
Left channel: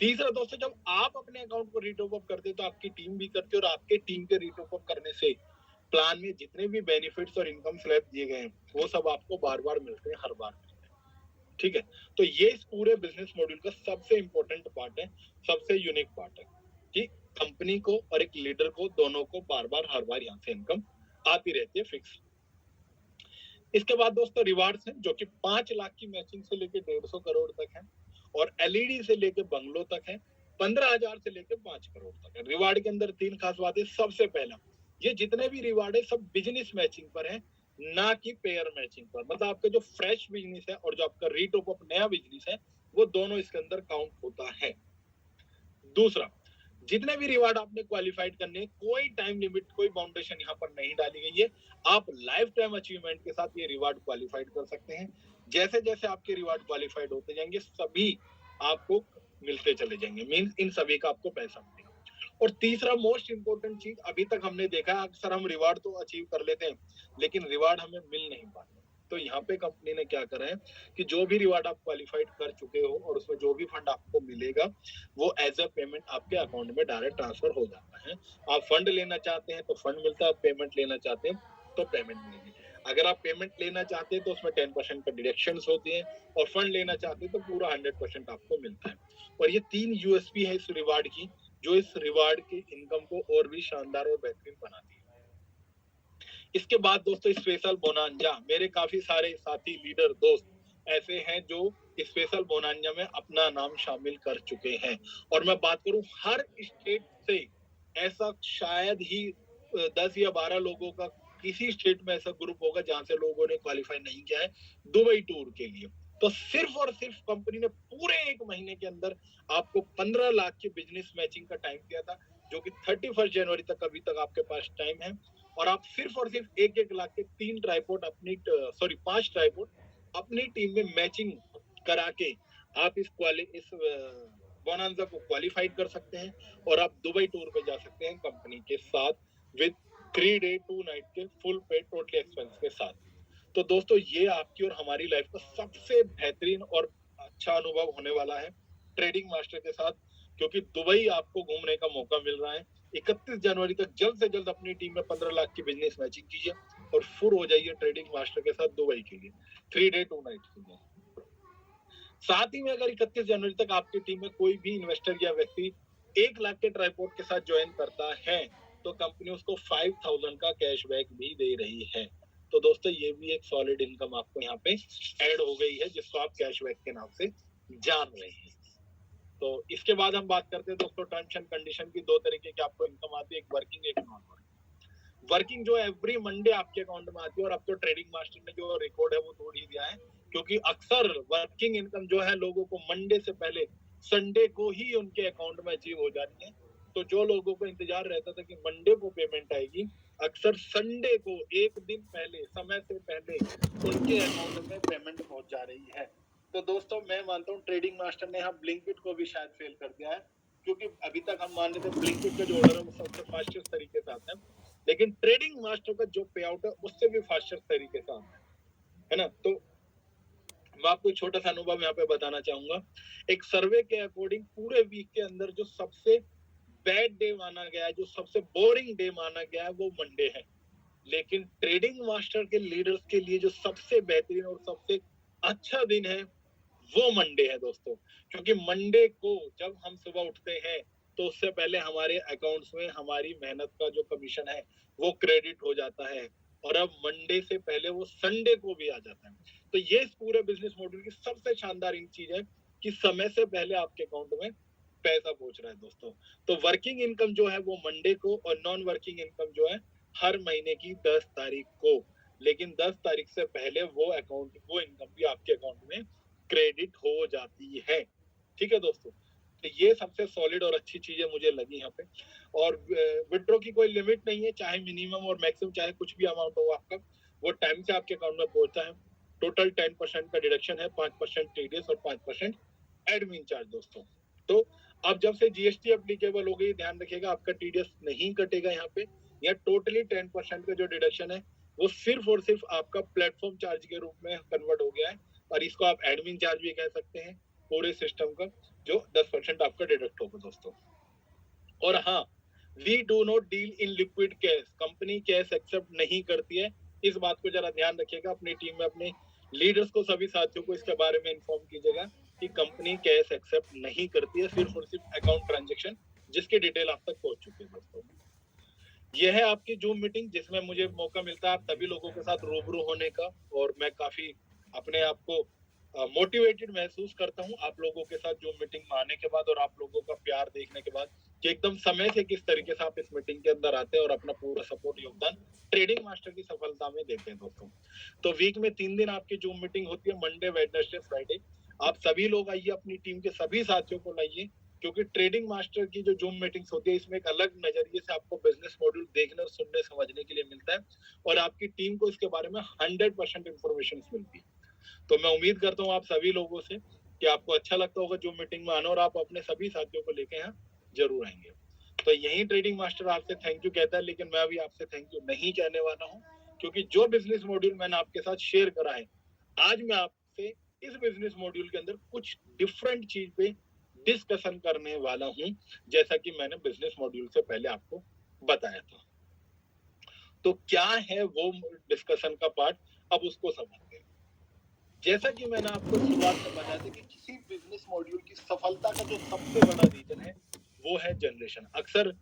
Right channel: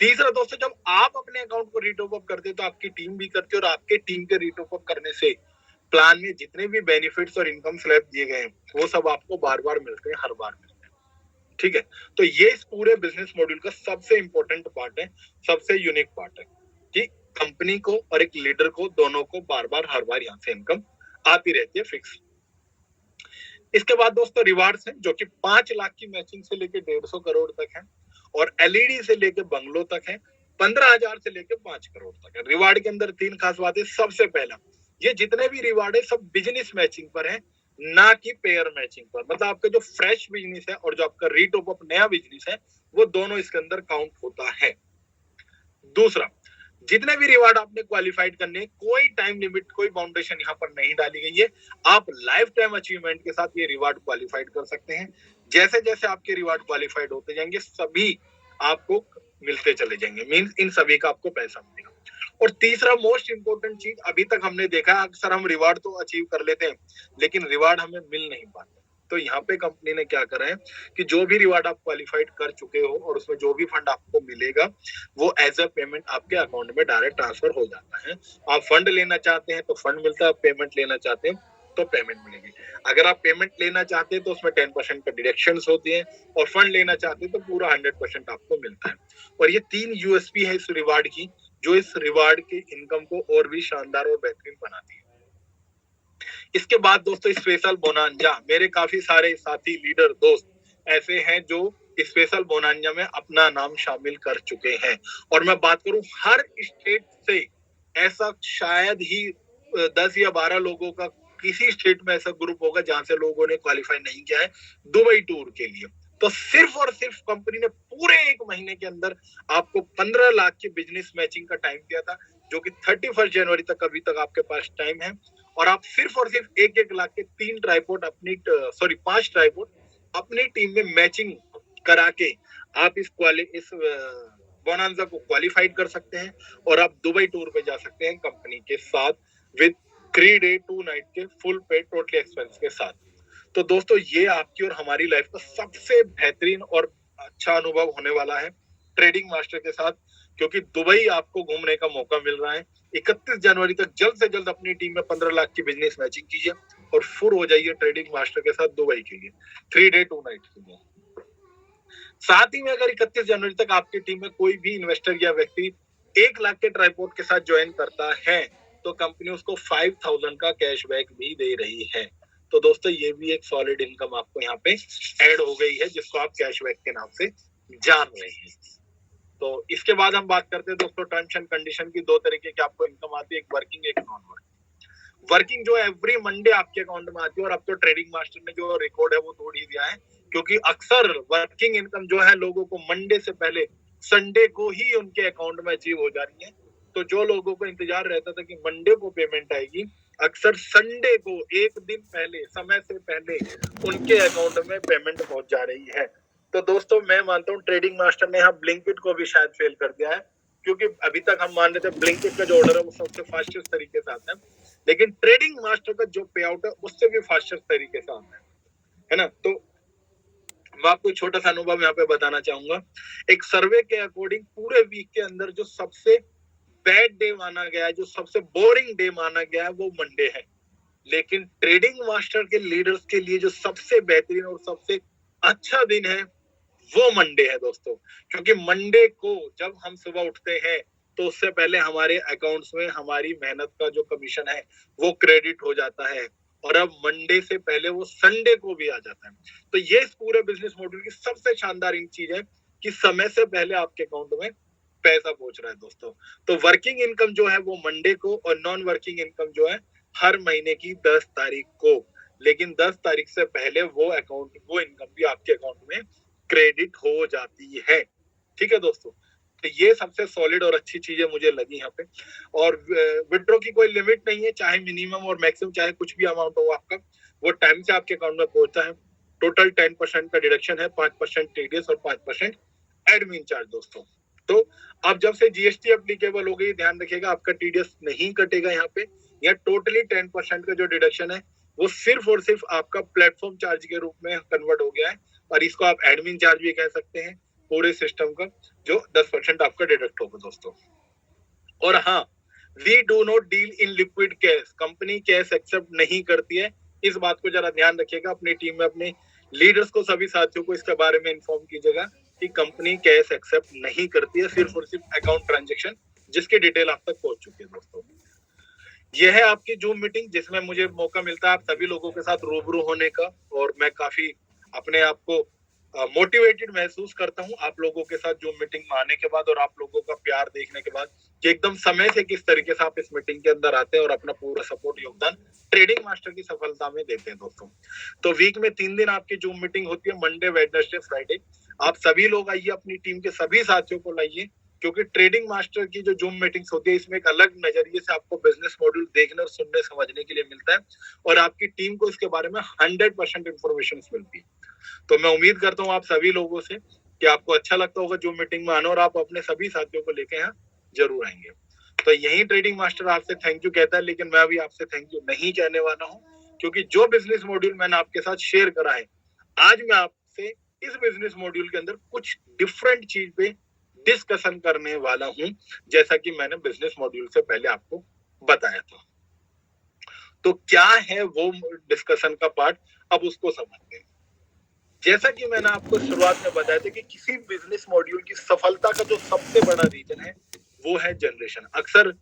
तीसरा दोस्तों, जब आप अपने अकाउंट को रीटॉप अप करते हैं तो आपकी टीम भी करती है, और आपके टीम के रीटॉप अप करने से प्लान में जितने भी बेनिफिट्स और इनकम स्लैब दिए गए हैं वो सब आपको बार बार मिलते हैं, हर बार मिलते हैं, ठीक है। तो ये इस पूरे बिजनेस मॉड्यूल का सबसे इंपॉर्टेंट पार्ट है, सबसे यूनिक पार्ट है कि कंपनी को और एक लीडर को, दोनों को बार बार, हर बार यहाँ से इनकम आती रहती है फिक्स। इसके बाद दोस्तों रिवार्ड्स हैं, जो कि 5 लाख की मैचिंग से लेके 150 करोड़ तक है, और एलईडी से लेके बंगलों तक है, 15,000 से लेके 5 करोड़ तक है। रिवार्ड के अंदर 3 खास बातें। सबसे पहला, ये जितने भी रिवार्ड है सब बिजनेस मैचिंग पर है, ना कि पेयर मैचिंग पर। मतलब आपका जो फ्रेश बिजनेस है और जो आपका रीटॉप अप नया बिजनेस है, वो दोनों इसके अंदर काउंट होता है। दूसरा, जितने भी रिवार्ड आपने क्वालिफाइड करने, कोई टाइम लिमिट, कोई बाउंडेशन यहाँ पर नहीं डाली गई है। आप लाइफ टाइम अचीवमेंट के साथ ये रिवार्ड क्वालिफाइड कर सकते हैं। जैसे जैसे आपके रिवार्ड क्वालिफाइड होते जाएंगे, सभी आपको मिलते चले जाएंगे, मींस इन सभी का आपको पैसा मिलेगा। और तीसरा मोस्ट इंपोर्टेंट चीज, अभी तक हमने देखा अक्सर हम रिवार्ड तो अचीव कर लेते हैं लेकिन रिवार्ड हमें मिल नहीं पाता। तो यहाँ पे कंपनी ने क्या करा है कि जो भी रिवार्ड आप क्वालिफाइड कर चुके हो और उसमें जो भी फंड आपको मिलेगा वो एज अ पेमेंट आपके अकाउंट में डायरेक्ट ट्रांसफर हो जाता है। आप फंड लेना चाहते हैं तो फंड मिलता है, पेमेंट लेना चाहते हैं तो पेमेंट मिलेगी। अगर आप पेमेंट लेना चाहते हैं तो उसमें 10% का डिडक्शंस होती है, और फंड लेना चाहते हैं तो पूरा 100% आपको मिलता है। और ये 3 यूएसपी है इस रिवार्ड की, जो इस रिवार्ड की इनकम को और भी शानदार और बेहतरीन बनाती है। इसके बाद दोस्तों स्पेशल बोनांजा, मेरे काफी सारे साथी लीडर दोस्त ऐसे हैं जो स्पेशल बोनांजा में अपना नाम शामिल कर चुके हैं। और मैं बात करूं हर स्टेट से ऐसा शायद ही 10 या 12 लोगों का किसी स्टेट में ऐसा ग्रुप होगा जहां से लोगों ने क्वालिफाई नहीं किया है दुबई टूर के लिए। तो सिर्फ और सिर्फ कंपनी ने पूरे 1 महीने के अंदर आपको 15 लाख की बिजनेस मैचिंग का टाइम दिया था, जो कि 31 जनवरी तक अभी तक आपके पास टाइम है। और आप सिर्फ और सिर्फ 1-1 लाख के 3 ट्राइपॉड अपनी 5 ट्राइपॉड अपनी टीम में मैचिंग करा के आप इस बोनांजा को क्वालिफाइड कर सकते हैं और आप दुबई टूर पे जा सकते हैं कंपनी के साथ विद 3 डे 2 नाइट के फुल पे टोटल एक्सपेंस के साथ। तो दोस्तों ये आपकी और हमारी लाइफ का सबसे बेहतरीन और अच्छा अनुभव होने वाला है ट्रेडिंग मास्टर के साथ, क्योंकि दुबई आपको घूमने का मौका मिल रहा है। 31 जनवरी तक जल्द से जल्द अपनी टीम में 15 लाख की बिजनेस मैचिंग कीजिए और फुल हो जाइए ट्रेडिंग मास्टर के साथ दुबई के लिए 3 डे 2 नाइट के लिए। साथ ही में अगर 31 जनवरी तक आपकी टीम में कोई भी इन्वेस्टर या व्यक्ति 1 लाख के ट्राइपॉड के साथ ज्वाइन करता है तो कंपनी उसको 5000 का कैशबैक भी दे रही है। तो दोस्तों ये भी एक सॉलिड इनकम आपको यहाँ पे ऐड हो गई है, जिसको आप कैशबैक के नाम से जान रहे हैं। तो इसके बाद हम बात करते हैं दोस्तों टर्म्स एंड कंडीशन की। 2 तरीके की आपको इनकम आती है, एक वर्किंग एक नॉन वर्किंग। वर्किंग जो एवरी मंडे आपके अकाउंट में आती है, और अब तो ट्रेडिंग मास्टर ने जो रिकॉर्ड है वो तोड़ ही दिया है, क्योंकि अक्सर वर्किंग इनकम जो है लोगों को मंडे से पहले संडे को ही उनके अकाउंट में अचीव हो जा रही है। तो जो लोगों को इंतजार रहता था कि मंडे को पेमेंट आएगी, अक्सर संडे को 1 दिन पहले, समय से पहले उनके अकाउंट में पेमेंट पहुंच जा रही है। तो दोस्तों मैं मानता हूँ ट्रेडिंग मास्टर ने यहाँ ब्लिंकिट को भी शायद फेल कर दिया है, क्योंकि अभी तक हम मान रहे थे ब्लिंकिट का जो ऑर्डर है वो सबसे फास्टेस्ट तरीके से आता है, लेकिन ट्रेडिंग मास्टर का जो पे आउट है उससे भी फास्टेस्ट तरीके से आता है ना। तो मैं आपको छोटा सा अनुभव यहाँ पे बताना चाहूंगा। एक सर्वे के अकॉर्डिंग पूरे वीक के अंदर जो सबसे बैड डे माना गया है, जो सबसे बोरिंग डे माना गया है, वो मंडे है। लेकिन ट्रेडिंग मास्टर के लीडर्स के लिए जो सबसे बेहतरीन और सबसे अच्छा दिन है वो मंडे है दोस्तों, क्योंकि मंडे को जब हम सुबह उठते हैं तो उससे पहले हमारे अकाउंट्स में हमारी मेहनत का जो कमीशन है वो क्रेडिट हो जाता है, और अब मंडे से पहले वो संडे को भी आ जाता है। तो ये इस पूरे बिजनेस मॉडल की सबसे शानदार चीज है कि समय से पहले आपके अकाउंट में पैसा पहुंच रहा है दोस्तों। तो वर्किंग इनकम जो है वो मंडे को, और नॉन वर्किंग इनकम जो है हर महीने की 10 तारीख को, लेकिन 10 तारीख से पहले वो इनकम भी आपके अकाउंट में क्रेडिट हो जाती है। ठीक है दोस्तों, तो ये सबसे सॉलिड और अच्छी चीजें मुझे लगी यहाँ पे। और विड्रॉ की कोई लिमिट नहीं है, चाहे मिनिमम और मैक्सिमम चाहे कुछ भी अमाउंट हो आपका, वो टाइम से आपके अकाउंट में पहुंचता है। टोटल 10% का डिडक्शन है, 5% टीडीएस और 5% एडमिन चार्ज दोस्तों। तो अब जब से जीएसटी एप्लीकेबल हो गई, ध्यान रखिएगा आपका टीडीएस नहीं कटेगा यहाँ पे। यह टोटली 10% का जो डिडक्शन है वो सिर्फ और सिर्फ आपका प्लेटफॉर्म चार्ज के रूप में कन्वर्ट हो गया है, और इसको आप एडमिन चार्ज भी कह सकते हैं पूरे सिस्टम का, जो 10% आपका डिडक्ट होगा दोस्तों। और हाँ, we do not deal in liquid cash, company cash accept नहीं करती है। इस बात को जरा ध्यान रखिएगा, अपनी टीम में अपने लीडर्स को, सभी साथियों को इसके बारे में इन्फॉर्म कीजिएगा कि कंपनी कैश एक्सेप्ट नहीं करती है, सिर्फ और सिर्फ अकाउंट ट्रांजेक्शन, जिसकी डिटेल आप तक पहुंच चुकी है दोस्तों। यह है आपकी जूम मीटिंग, जिसमें मुझे मौका मिलता है आप सभी लोगों के साथ रूबरू होने का, और मैं काफी अपने आप को मोटिवेटेड महसूस करता हूँ आप लोगों के साथ जूम मीटिंग में आने के बाद, और आप लोगों का प्यार देखने के बाद कि एकदम समय से किस तरीके से आप इस मीटिंग के अंदर आते हैं और अपना पूरा सपोर्ट योगदान ट्रेडिंग मास्टर की सफलता में देते हैं दोस्तों। तो वीक में 3 दिन आपकी जूम मीटिंग होती है, मंडे, वेडनेसडे, फ्राइडे। आप सभी लोग आइए, अपनी टीम के सभी साथियों को लाइए, क्योंकि ट्रेडिंग मास्टर की जो जूम मीटिंग्स होती है इसमें एक अलग नजरिए से आपको बिजनेस मॉड्यूल देखने और सुनने समझने के लिए मिलता है, और आपकी टीम को इसके बारे में 100% इंफॉर्मेशन मिलती है। तो मैं उम्मीद करता हूँ आप सभी लोगों से कि आपको अच्छा लगता होगा जूम मीटिंग में आना, और आप अपने सभी साथियों को लेके यहाँ जरूर आएंगे। तो यही ट्रेडिंग मास्टर आपसे थैंक यू कहता है, लेकिन मैं अभी आपसे थैंक यू नहीं कहने वाला हूँ, क्योंकि जो बिजनेस मॉड्यूल मैंने आपके साथ शेयर करा है, आज मैं आपसे इस बिजनेस मॉड्यूल के अंदर कुछ डिफरेंट चीज पे डिस्कशन करने वाला हूं, जैसा कि मैंने बिजनेस मॉड्यूल से पहले आपको बताया था। तो क्या है वो डिस्कशन का पार्ट, अब उसको समझते हैं। जैसा कि मैंने आपको शुरुआत में बताया था कि किसी बिजनेस मॉड्यूल की सफलता का जो सबसे बड़ा रीजन है वो है जनरेशन। अक्सर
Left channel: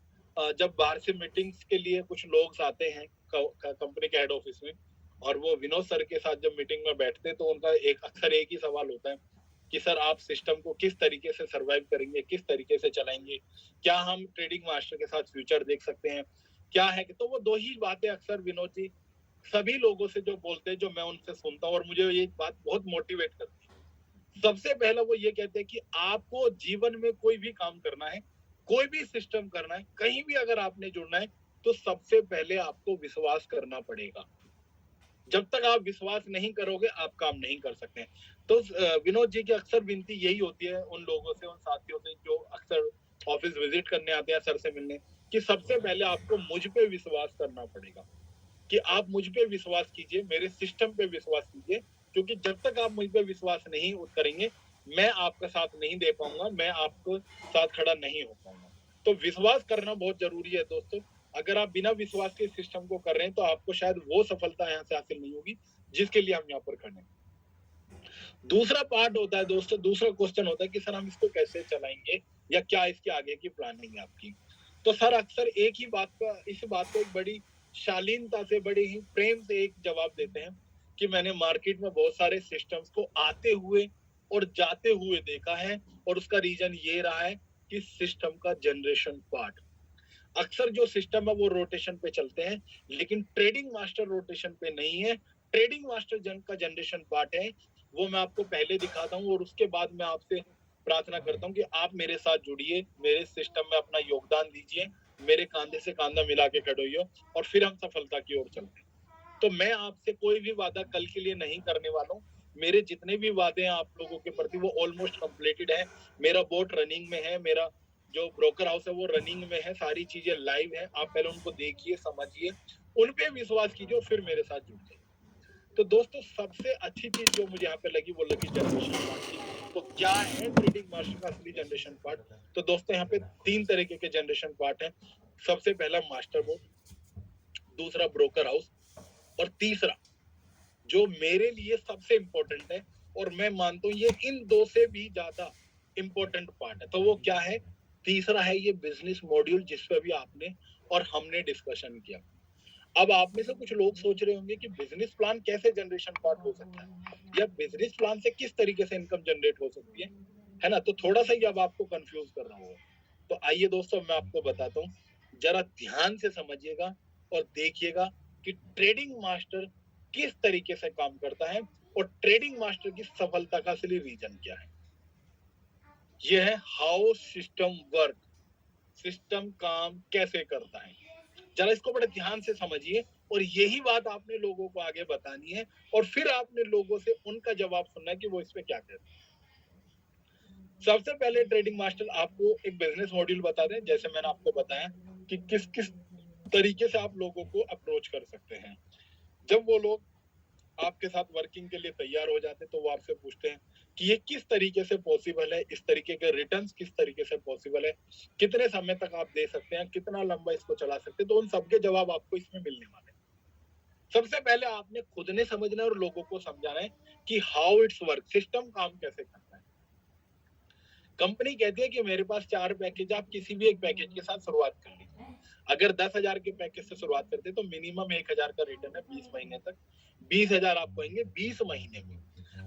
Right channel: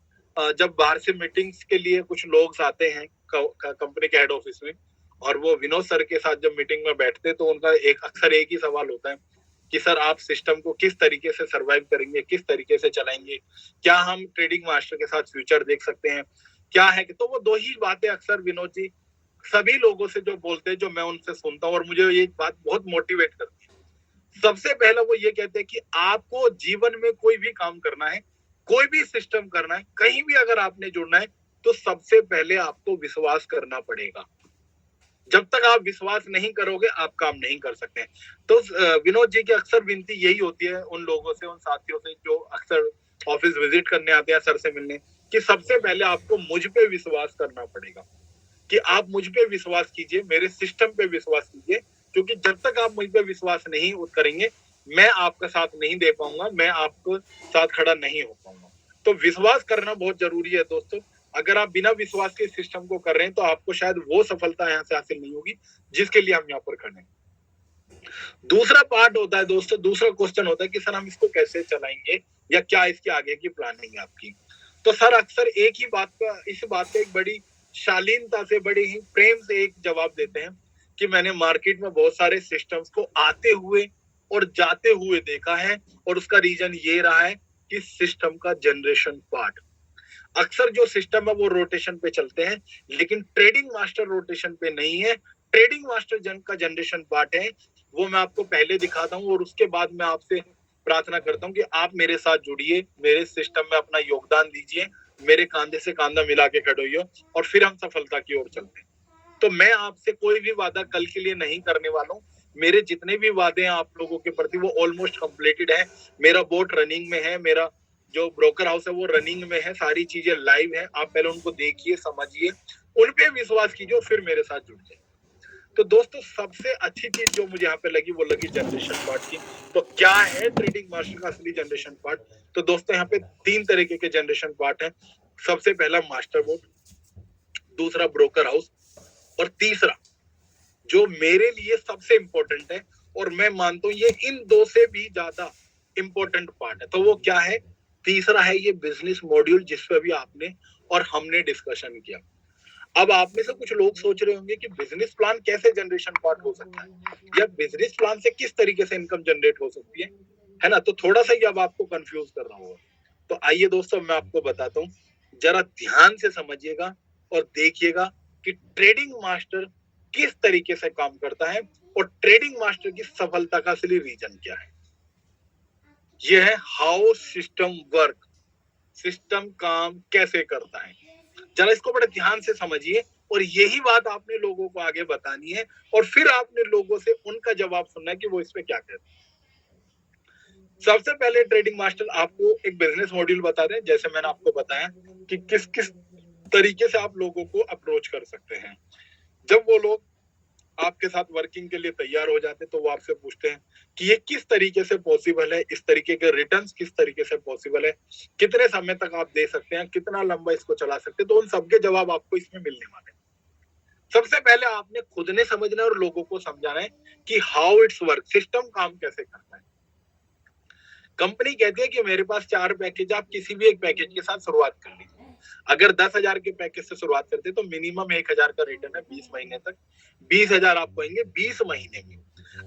जब बाहर से मीटिंग्स के लिए कुछ लोग आते हैं कंपनी के हेड ऑफिस में, और वो विनोद सर के साथ जब मीटिंग में बैठते तो उनका अक्सर एक ही सवाल होता है कि सर आप सिस्टम को किस तरीके से सरवाइव करेंगे, किस तरीके से चलाएंगे, क्या हम ट्रेडिंग मास्टर के साथ फ्यूचर देख सकते हैं, क्या है कि तो वो दो ही बातें अक्सर विनोद जी सभी लोगों से जो बोलते हैं, जो मैं उनसे सुनता हूँ और मुझे ये बात बहुत मोटिवेट करती है। सबसे पहला वो ये कहते हैं कि आपको जीवन में कोई भी काम करना है, कोई भी सिस्टम करना है, कहीं भी अगर आपने जुड़ना है, तो सबसे पहले आपको विश्वास करना पड़ेगा। जब तक आप विश्वास नहीं करोगे आप काम नहीं कर सकते। तो विनोद जी की अक्सर विनती यही होती है उन लोगों से, उन साथियों से जो अक्सर ऑफिस विजिट करने आते हैं सर से मिलने, कि सबसे पहले आपको मुझ पे विश्वास करना पड़ेगा, कि आप मुझ पे विश्वास कीजिए, मेरे सिस्टम पे विश्वास कीजिए, क्योंकि जब तक आप मुझ पे विश्वास नहीं करेंगे मैं आपका साथ नहीं दे पाऊंगा, मैं आपको साथ खड़ा नहीं हो पाऊंगा। तो विश्वास करना बहुत जरूरी है दोस्तों। अगर आप बिना विश्वास के सिस्टम को कर रहे हैं तो आपको शायद वो सफलता यहाँ से हासिल नहीं होगी जिसके लिए हम यहाँ पर खड़े हैं। दूसरा पार्ट होता है दोस्तों, दूसरा क्वेश्चन होता है कि सर हम इसको कैसे चलाएंगे या क्या इसके आगे की प्लानिंग है आपकी। तो सर अक्सर एक ही बात का, इस बात पे एक बड़ी शालीनता से, बड़े ही प्रेम से एक जवाब देते हैं कि मैंने मार्केट में बहुत सारे सिस्टम्स को आते हुए और जाते हुए देखा है, और उसका रीजन ये रहा है कि सिस्टम का जनरेशन पार्ट, अक्सर जो सिस्टम है वो रोटेशन पे चलते हैं, लेकिन ट्रेडिंग मास्टर रोटेशन पे नहीं है। ट्रेडिंग मास्टर का जनरेशन पार्ट है, वो मैं आपको पहले दिखाता हूँ और उसके बाद मैं आपसे प्रार्थना करता हूँ कि आप मेरे साथ जुड़िए, मेरे सिस्टम में अपना योगदान दीजिए, मेरे कांधे से कांधा मिला के खड़े होइए, और फिर हम सफलता की ओर चलते हैं। तो मैं आपसे कोई भी वादा कल के लिए नहीं करने वाला हूँ। मेरे जितने भी वादे हैं आप लोगों के प्रति वो ऑलमोस्ट कंप्लीटेड है। मेरा बोट रनिंग में है, मेरा जो ब्रोकर हाउस है वो रनिंग में है, सारी चीजें लाइव है। आप पहले उनको देखिए, समझिए, उन पे विश्वास कीजिए, फिर मेरे साथ जुड़ जाइए। तो दोस्तों सबसे अच्छी चीज जो मुझे यहाँ पे लगी वो लगी जनरेशन पार्ट की। तो क्या है ट्रेडिंग मास्टर का असली जनरेशन पार्ट? तो दोस्तों यहाँ पे 3 तरीके के जनरेशन पार्ट है। सबसे पहला मास्टर बोट, दूसरा ब्रोकर हाउस, और तीसरा जो मेरे लिए सबसे इंपॉर्टेंट है और मैं मानता हूँ ये इन दो से भी ज्यादा इंपॉर्टेंट पार्ट है, तो वो क्या है? तीसरा है ये बिजनेस मॉड्यूल, जिस पे भी आपने और हमने डिस्कशन किया। अब आप में से कुछ लोग सोच रहे होंगे कि बिजनेस प्लान कैसे जनरेशन पार्ट हो सकता है, या बिजनेस प्लान से किस तरीके से इनकम जनरेट हो सकती है ना? तो थोड़ा सा ही अब आपको कंफ्यूज कर रहा होगा। तो आइए दोस्तों मैं आपको बताता हूँ, जरा ध्यान से समझिएगा और देखिएगा कि ट्रेडिंग मास्टर किस तरीके से काम करता है और ट्रेडिंग मास्टर की सफलता का असली रीजन क्या है। यह है हाउ सिस्टम वर्क, सिस्टम काम कैसे करता है। जरा इसको बड़े ध्यान से समझिए, और यही बात आपने लोगों को आगे बतानी है, और फिर आपने लोगों से उनका जवाब सुनना है कि वो इस पे क्या कहते हैं। सबसे पहले ट्रेडिंग मास्टर आपको एक बिजनेस मॉड्यूल बता दें, जैसे मैंने आपको बताया कि किस किस तरीके से आप लोगों को अप्रोच कर सकते हैं। जब वो लोग आपके साथ वर्किंग के लिए तैयार हो जाते हैं तो वो आपसे पूछते हैं कि ये किस तरीके से पॉसिबल है, इस तरीके के रिटर्न्स किस तरीके से पॉसिबल है, कितने समय तक आप दे सकते हैं, कितना लंबा इसको चला सकते हैं। तो उन सबके जवाब आपको इसमें मिलने वाले हैं। सबसे पहले आपने खुद ने समझना है और लोगों को समझाना है कि हाउ इट्स वर्क, सिस्टम काम कैसे करता है। कंपनी कहती है कि मेरे पास 4 पैकेज, आप किसी भी एक पैकेज के साथ शुरुआत कर लीजिए। अगर 10,000 के पैकेज से शुरुआत करते हैं तो मिनिमम 1,000 का रिटर्न है 20 महीने तक, 20,000 आपको आएंगे 20 महीने में।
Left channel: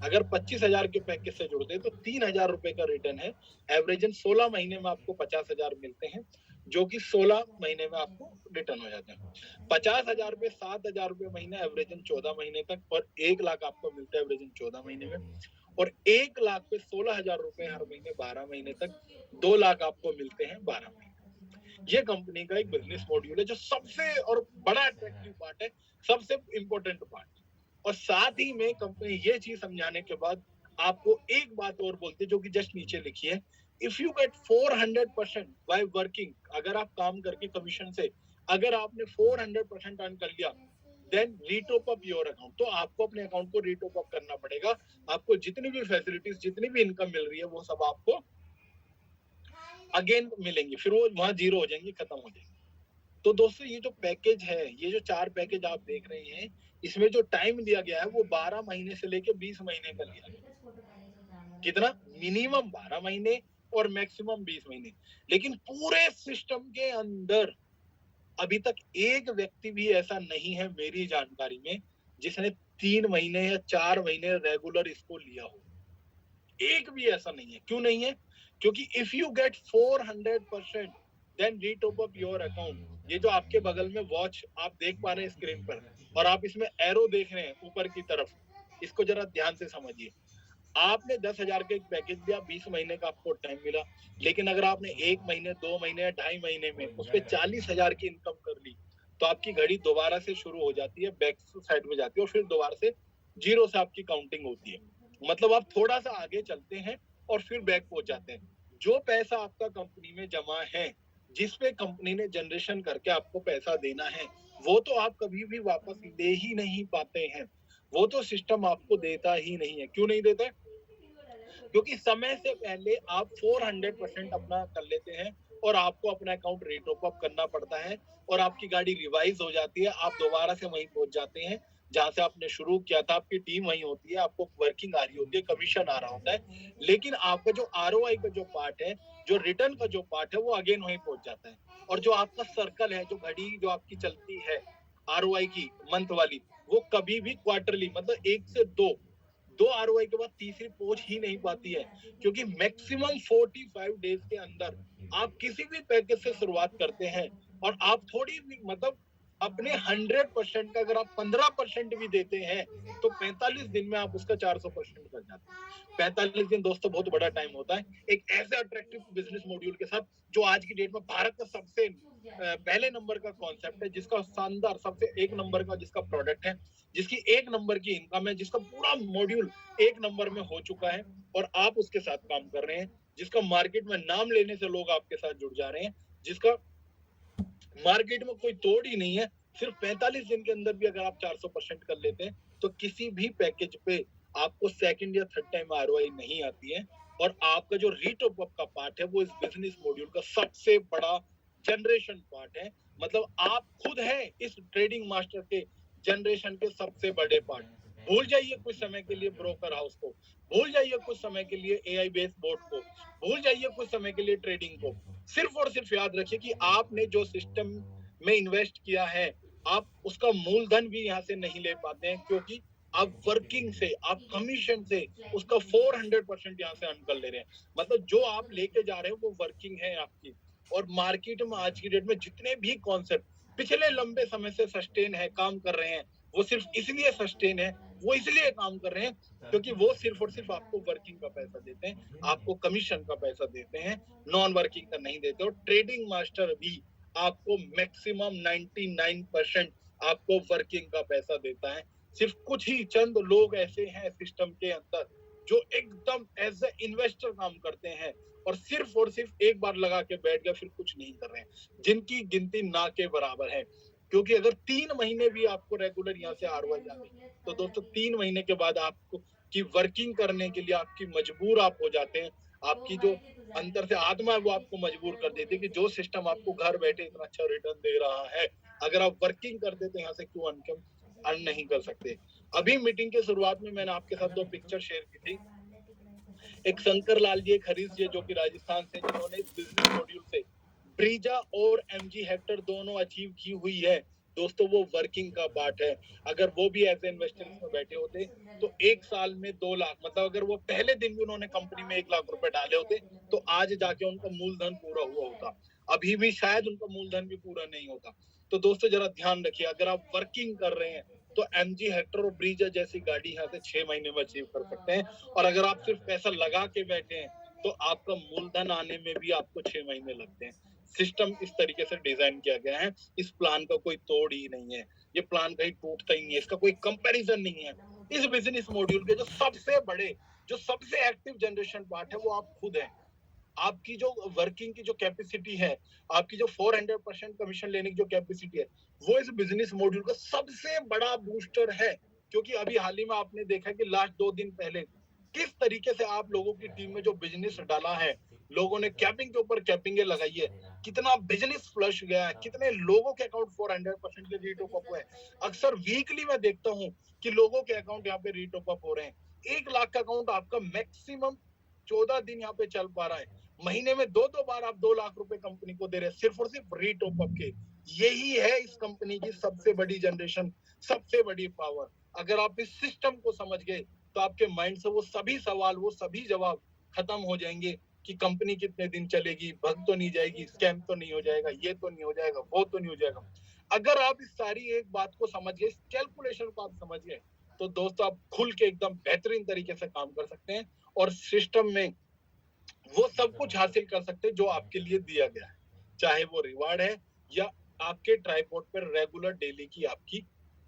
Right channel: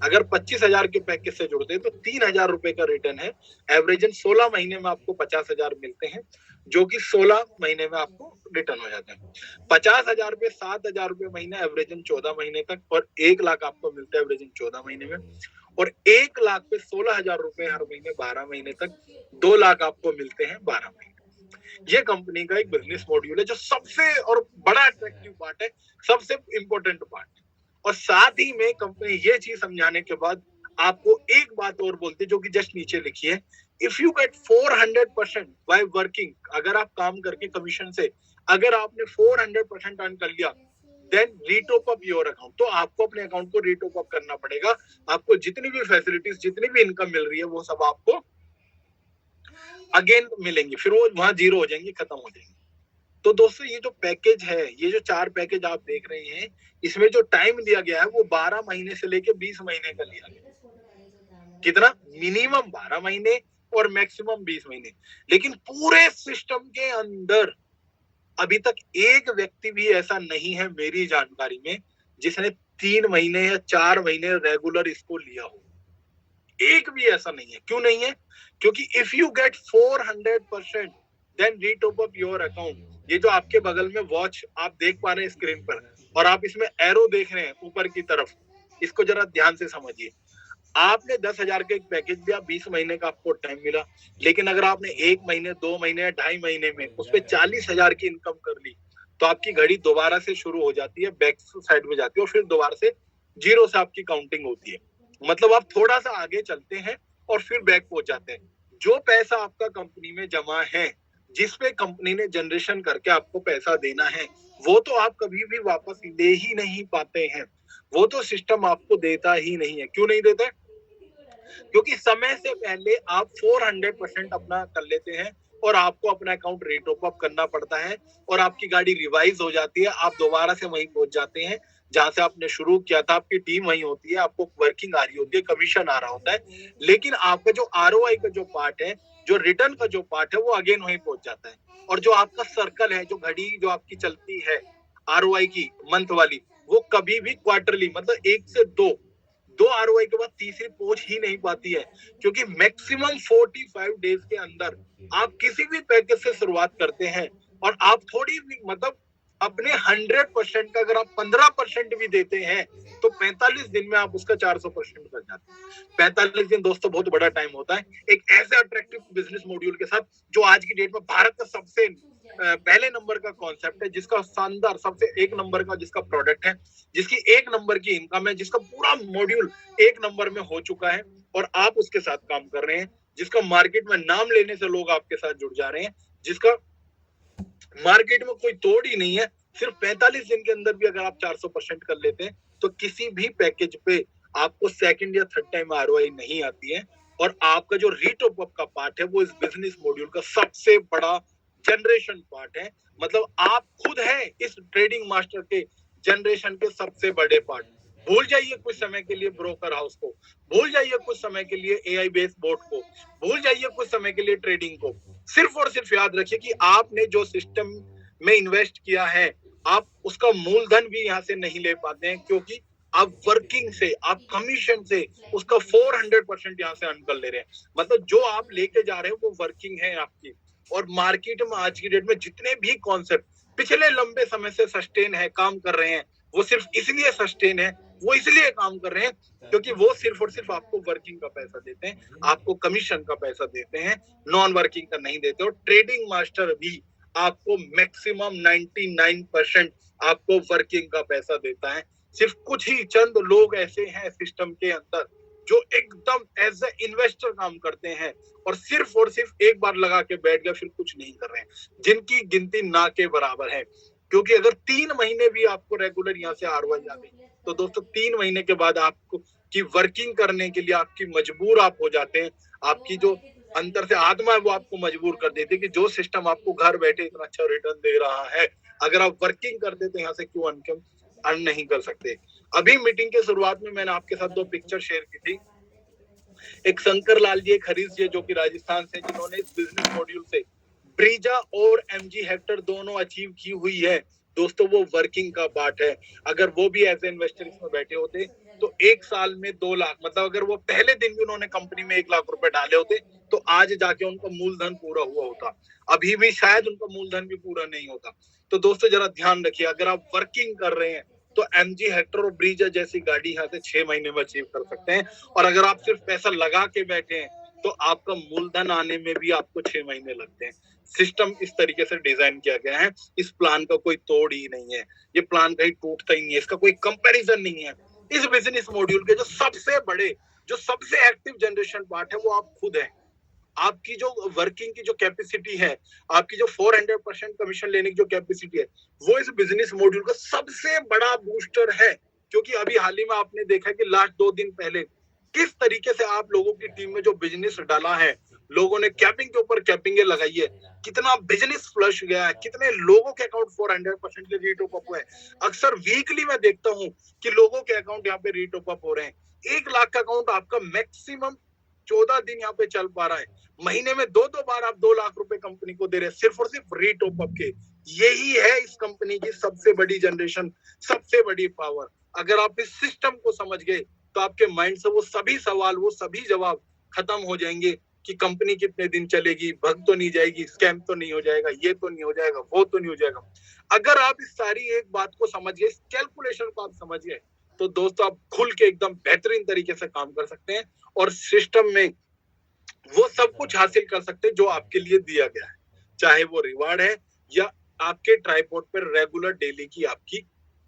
अगर 25,000 के पैकेज से जुड़ते हैं तो 3,000 रुपए का रिटर्न है। एवरेजन 16 महीने में आपको 50,000 मिलते हैं, जो कि 16 महीने में आपको रिटर्न हो जाते हैं। 50,000 पे 7,000 रुपए महीना, एवरेजन 14 महीने तक, और 1 लाख आपको मिलता है एवरेजन 14 महीने में, और 1 लाख पे 16,000 रुपए हर महीने 12 महीने तक, 2 लाख आपको मिलते हैं 12 महीने। ये कंपनी का एक बिजनेस मॉड्यूल है जो सबसे और बड़ा अट्रैक्टिव पार्ट है, सबसे इंपॉर्टेंट पार्ट है। और साथ ही में कंपनी ये चीज समझाने के बाद आपको एक बात और बोलती है, जो कि जस्ट नीचे लिखी है, if you get 400% by working, अगर आप काम करके कमीशन से अगर आपने 400% अर्न कर लिया, then retop up your account. तो आपको अपने अकाउंट को रीटॉप अप करना पड़ेगा। आपको जितनी भी फैसिलिटीज, जितनी भी इनकम मिल रही है वो सब आपको अगेन मिलेंगे, फिर वो वहां जीरो हो जाएंगे, खत्म हो जाएंगे। तो दोस्तों ये जो पैकेज है, ये जो 4 पैकेज आप देख रहे हैं, इसमें जो टाइम दिया गया है वो 12 महीने से लेके 20 महीने का लिया गया। कितना? मिनिमम 12 महीने और मैक्सिमम 20 महीने। लेकिन पूरे सिस्टम के अंदर अभी तक एक व्यक्ति भी ऐसा नहीं है मेरी जानकारी में जिसने 3 महीने या 4 महीने रेगुलर इसको लिया हो। एक भी ऐसा नहीं है। क्यों नहीं है? क्योंकि if you get 400% then retop up your account. ये जो आपके बगल में वॉच आप देख पा रहे हैं स्क्रीन पर और आप इसमें एरो देख रहे हैं ऊपर की तरफ, इसको जरा ध्यान से समझिए। आपने 10,000 का एक पैकेज लिया, 20 महीने का आपको टाइम मिला, लेकिन अगर आपने 1 महीने 2 महीने या 2.5 महीने में उस पर 40,000 की इनकम कर ली, तो आपकी घड़ी दोबारा से शुरू हो जाती है, बैक साइड में जाती है और फिर दोबारा से जीरो से आपकी काउंटिंग होती है। मतलब आप थोड़ा सा आगे चलते हैं और फिर बैक पहुंच जाते हैं। जो पैसा आपका कंपनी में जमा है, जिसपे कंपनी ने जनरेशन करके आपको पैसा देना है, वो तो आप कभी भी वापस ले ही नहीं पाते हैं। वो तो सिस्टम आपको देता ही नहीं है। क्यों नहीं देता है? क्योंकि समय से पहले आप 400% अपना कर लेते हैं और आपको अपना अकाउंट रेटॉप अप करना पड़ता है और आपकी गाड़ी रिवाइज हो जाती है। आप दोबारा से वहीं पहुंच जाते हैं जहां से आपने शुरू किया था। आपकी टीम वहीं होती है, आपको वर्किंग आ रही होती है, कमीशन आ रहा होता है, लेकिन आपका जो आरओआई का जो पार्ट है, जो रिटर्न का जो पार्ट है, वो अगेन वहीं पहुंच जाता है। और जो आपका सर्कल है, जो घड़ी जो आपकी चलती है आरओआई की मंथ वाली, वो कभी भी क्वार्टरली मतलब 1 से 2 आरओआई के बाद तीसरी पहुंच ही नहीं पाती है। क्योंकि मैक्सिमम 45 डेज के अंदर आप किसी भी पैकेज से शुरुआत करते हैं और आप थोड़ी भी मतलब अपने 100% का अगर आप 15% भी देते हैं तो 45 दिन में आप उसका 400% कर जाते हैं। 45 दिन दोस्तों बहुत बड़ा टाइम होता है एक ऐसे अट्रैक्टिव बिजनेस मॉड्यूल के साथ, जो आज की डेट में भारत का सबसे पहले नंबर का कॉन्सेप्ट है, जिसका शानदार सबसे एक नंबर का जिसका प्रोडक्ट है, जिसकी 1 नंबर की इनकम है, जिसका पूरा मॉड्यूल 1 नंबर में हो चुका है और आप उसके साथ काम कर रहे हैं, जिसका मार्केट में नाम लेने से लोग आपके साथ जुड़ जा रहे हैं, जिसका मार्केट में कोई तोड़ ही नहीं है। सिर्फ 45 दिन के अंदर भी अगर आप 400% कर लेते हैं तो किसी भी पैकेज पे आपको सेकंड या थर्ड टाइम आरओआई नहीं आती है। और आपका जो रीटॉप अप का पार्ट है वो इस बिजनेस मॉड्यूल का सबसे बड़ा जनरेशन पार्ट है। मतलब आप खुद हैं इस ट्रेडिंग मास्टर के जनरेशन के सबसे बड़े पार्ट। भूल जाइए कुछ समय के लिए ब्रोकर हाउस को, भूल जाइए कुछ समय के लिए एआई बेस्ड बोट को, भूल जाइए कुछ समय के लिए ट्रेडिंग को। सिर्फ और सिर्फ याद रखिए कि आपने जो सिस्टम में इन्वेस्ट किया है, आप उसका मूलधन भी यहाँ से नहीं ले पाते हैं, क्योंकि आप वर्किंग से, आप कमीशन से उसका 400% यहाँ से अर्न कर ले रहे हैं। मतलब जो आप लेके जा रहे हैं वो वर्किंग है आपकी। और मार्केट में आज की डेट में जितने भी कॉन्सेप्ट पिछले लंबे समय से सस्टेन है, काम कर रहे हैं, वो सिर्फ इसलिए सस्टेन है, वो इसलिए काम कर रहे हैं क्योंकि वो सिर्फ और सिर्फ आपको वर्किंग का पैसा देते हैं, आपको कमीशन का पैसा देते हैं, नॉन वर्किंग का नहीं देते। और ट्रेडिंग मास्टर भी आपको मैक्सिमम 99% आपको वर्किंग का पैसा देता है। सिर्फ कुछ ही चंद लोग ऐसे हैं सिस्टम के अंदर जो एकदम एज ए इन्वेस्टर काम करते हैं और सिर्फ एक बार लगा के बैठ गया, फिर कुछ नहीं कर रहे हैं, जिनकी गिनती ना के बराबर है। क्योंकि अगर 3 महीने भी आपको रेगुलर यहाँ से आरओआई आ गई तो दोस्तों 3 महीने के बाद आपको की वर्किंग करने के लिए आपकी मजबूर आप हो जाते हैं। आपकी जो अंदर से आत्मा है वो आपको मजबूर कर देती है कि जो सिस्टम आपको घर बैठे इतना अच्छा रिटर्न दे रहा है, अगर आप वर्किंग करते तो यहाँ से क्यों अर्न नहीं कर सकते। अभी मीटिंग के शुरुआत में मैंने आपके साथ 2 पिक्चर शेयर की थी। एक शंकर लाल जी, एक हरीश जी, जो कि राजस्थान से, जिन्होंने इस बिजनेस मॉड्यूल से ब्रीजा और एमजी हेक्टर दोनों अचीव की हुई है। दोस्तों वो वर्किंग का पार्ट है। अगर वो भी एज ए इन्वेस्टर इसमें बैठे होते तो 1 साल में 2 लाख, मतलब अगर वो पहले दिन भी उन्होंने कंपनी में 1 लाख रुपए डाले होते तो आज जाके उनका मूलधन पूरा हुआ होता। अभी भी शायद उनका मूलधन भी पूरा नहीं होता। तो दोस्तों जरा ध्यान रखिए, अगर आप वर्किंग कर रहे हैं तो एमजी हेक्टर और ब्रीजा जैसी गाड़ी यहाँ से 6 महीने में अचीव कर सकते हैं। और अगर आप सिर्फ पैसा लगा के बैठे हैं तो आपका मूलधन आने में भी आपको 6 महीने लगते हैं। सिस्टम इस तरीके से डिजाइन किया गया है, इस प्लान का कोई तोड़ ही नहीं है, ये प्लान कहीं टूटता ही नहीं है, इसका कोई कंपैरिजन नहीं है। इस बिजनेस मॉड्यूल के जो सबसे बड़े, जो सबसे एक्टिव जनरेशन पार्ट है वो आप खुद हैं। आपकी जो वर्किंग की जो कैपेसिटी है, आपकी जो 400% कमीशन लेने की जो कैपेसिटी है, वो इस बिजनेस मॉड्यूल का सबसे बड़ा बूस्टर है। क्योंकि अभी हाल ही में आपने देखा कि लास्ट 2 दिन पहले किस तरीके से आप लोगों की टीम में जो बिजनेस डाला है, लोगों ने कैपिंग के ऊपर कैपिंगे लगाई है, कितना बिजनेस फ्लश गया है, कितने लोगों के अकाउंट 400% के रीटॉप अप हुए हैं। अक्सर वीकली मैं देखता हूं कि लोगों के अकाउंट यहाँ पे रीटॉप अप हो रहे हैं। 1 लाख का अकाउंट आपका मैक्सिमम 14 दिन यहाँ पे चल पा रहा है। महीने में 2-2 बार आप 2 लाख रुपए कंपनी को दे रहे हैं, सिर्फ और सिर्फ रीटॉप अप के। यही है इस कंपनी की सबसे बड़ी जनरेशन, सबसे बड़ी पावर। अगर आप इस सिस्टम को समझ गए तो आपके माइंड से वो सभी सवाल, वो सभी जवाब खत्म हो जाएंगे कि कंपनी कितने दिन चलेगी, भग तो नहीं जाएगी, स्कैम तो नहीं हो जाएगा, ये तो नहीं हो जाएगा, वो तो नहीं हो जाएगा। अगर आप इस सारी एक बात को समझ गए, इस कैलकुलेशन को आप समझ गए, तो दोस्तों आप खुल के एकदम बेहतरीन तरीके से काम कर सकते हैं और सिस्टम में वो सब कुछ हासिल कर सकते हैं जो आपके लिए दिया गया है, चाहे वो रिवार्ड है या आपके ट्राइपॉड पर रेगुलर डेली की आपकी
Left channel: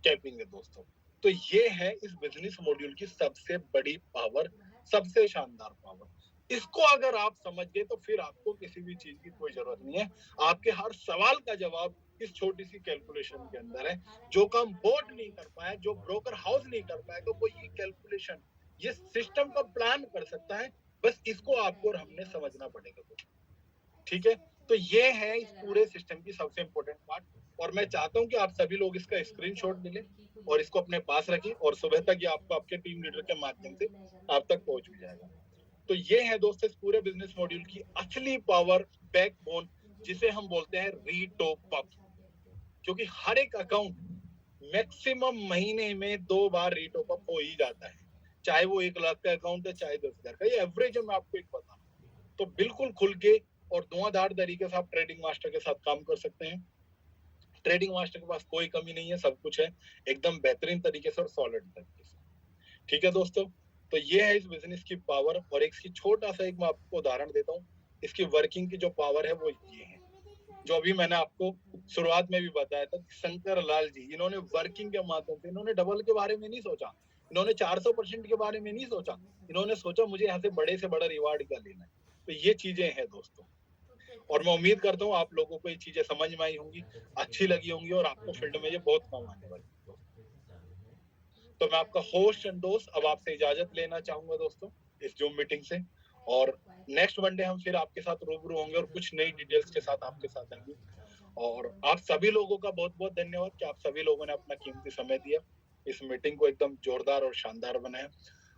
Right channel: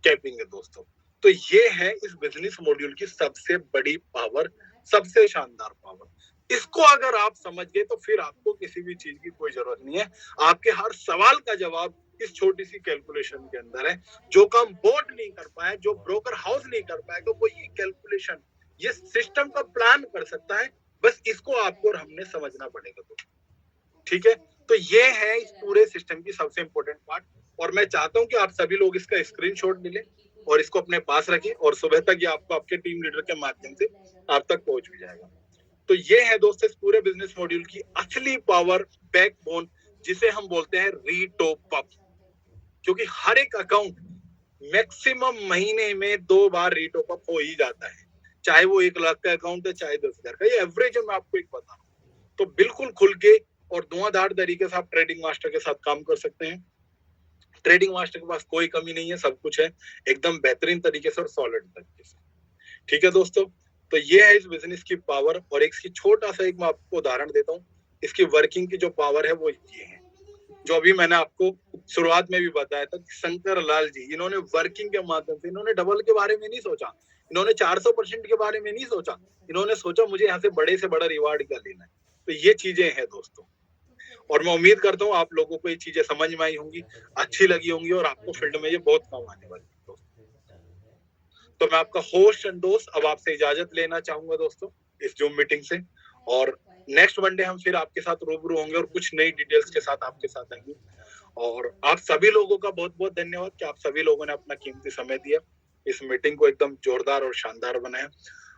कैपिंग है दोस्तों। तो ये है इस बिजनेस मॉड्यूल की सबसे बड़ी पावर, सबसे शानदार पावर। इसको अगर आप समझ गए तो फिर आपको किसी भी चीज की कोई जरूरत नहीं है। आपके हर सवाल का जवाब इस छोटी सी कैलकुलेशन के अंदर है। जो काम बोर्ड नहीं कर पाया, जो ब्रोकर हाउस नहीं कर पाएगा, वो ये कैलकुलेशन, ये सिस्टम का प्लान कर सकता है। बस इसको आपको और हमने समझना पड़ेगा तो ठीक है। तो ये है इस पूरे सिस्टम की सबसे इंपॉर्टेंट पार्ट। और मैं चाहता हूं कि आप सभी लोग इसका स्क्रीनशॉट ले लें और इसको अपने पास रखें और सुबह तक ये आपको आपके टीम लीडर के माध्यम से आप तक पहुंच भी जाएगा। तो ये है दोस्तों इस पूरे बिजनेस मॉड्यूल की असली पावर, बैकबोन, जिसे हम बोलते हैं रीटॉप अप। क्योंकि हर एक अकाउंट मैक्सिमम महीने में 2 बार रीटॉप अप हो ही जाता है, चाहे वो 1 लाख का अकाउंट है, चाहे 10,000 का। ये एवरेज है, मैं आपको एक बता रहा हूँ। तो बिल्कुल खुल के और धुआंधार तरीके से आप ट्रेडिंग मास्टर के साथ काम कर सकते हैं। ट्रेडिंग मास्टर के पास कोई कमी नहीं है, सब कुछ है एकदम बेहतरीन तरीके से और सॉलिड तरीके से। ठीक है दोस्तों, तो ये है इस बिजनेस की पावर। और एक छोटा सा एक मैं आपको उदाहरण देता हूँ। इसकी वर्किंग की जो पावर है वो ये है, जो अभी मैंने आपको शुरुआत में भी बताया था कि शंकर लाल जी, इन्होंने वर्किंग के माध्यम से, इन्होंने डबल के बारे में नहीं सोचा, इन्होंने 400% के बारे में नहीं सोचा, इन्होंने सोचा मुझे यहाँ से बड़ा रिवार्ड क्या लेना है। तो ये चीजें हैं दोस्तों, और मैं उम्मीद करता हूँ आप लोगों को ये चीजें समझ में आई होंगी, अच्छी लगी होंगी और आपको फील्ड में ये बहुत काम आने वाली है दोस्तों। तो मैं आपका होस्ट एंड दोस्त अब आपसे इजाजत लेना चाहूंगा दोस्तों इस जूम मीटिंग से। और नेक्स्ट मंडे हम फिर आपके साथ रूबरू होंगे और कुछ नई डिटेल्स के साथ आपके साथ आएंगे। और आप सभी लोगों का बहुत बहुत धन्यवाद कि आप सभी लोगों ने अपना कीमती समय दिया, इस मीटिंग को एकदम जोरदार और शानदार बनाया।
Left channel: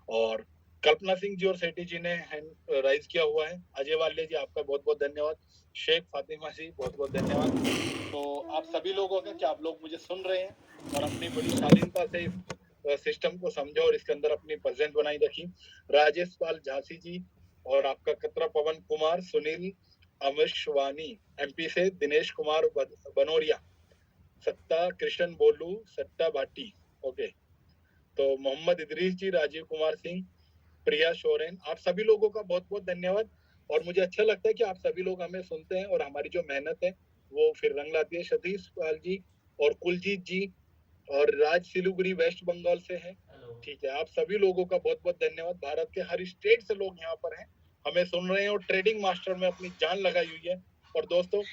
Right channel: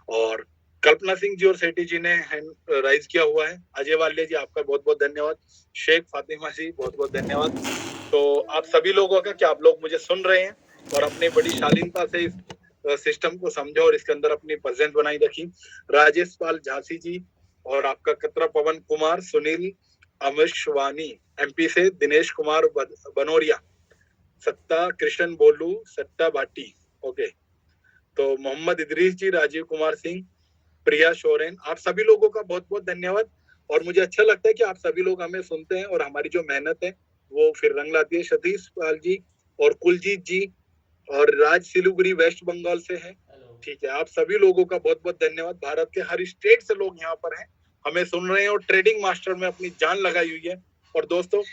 और कल्पना सिंह जी और सेठी जी ने हैंड राइज किया हुआ है। अजय वाले जी आपका बहुत बहुत धन्यवाद। शेख फातिमा जी बहुत बहुत धन्यवाद। तो आप सभी लोगों का कि आप लोग मुझे सुन रहे हैं और अपनी बड़ी शालीनता से इस सिस्टम को समझो और इसके अंदर अपनी प्रेजेंस बनाई रखी। राजेश पाल झांसी जी और आपका कतरा पवन कुमार, सुनील अमिशवानी एमपी से, दिनेश कुमार बनोरिया, सत्ता कृष्ण बोलू, सट्टा भाटी, ओके, तो मोहम्मद इदरीस जी, राजीव कुमार सिंह, प्रिया शोरेन, आप सभी लोगों का बहुत बहुत धन्यवाद। और मुझे अच्छा लगता है कि आप सभी लोग हमें सुनते हैं और हमारी जो मेहनत है वो फिर रंग लाती है। सतीश पाल जी और कुलजीत जी और राज सिलीगुड़ी वेस्ट बंगाल से है। ठीक है, आप सभी लोगों का बहुत बहुत धन्यवाद। भारत के हर स्टेट से लोग यहाँ पर हैं, हमें सुन रहे हैं और ट्रेडिंग मास्टर में अपनी जान लगाई हुई है। और दोस्तों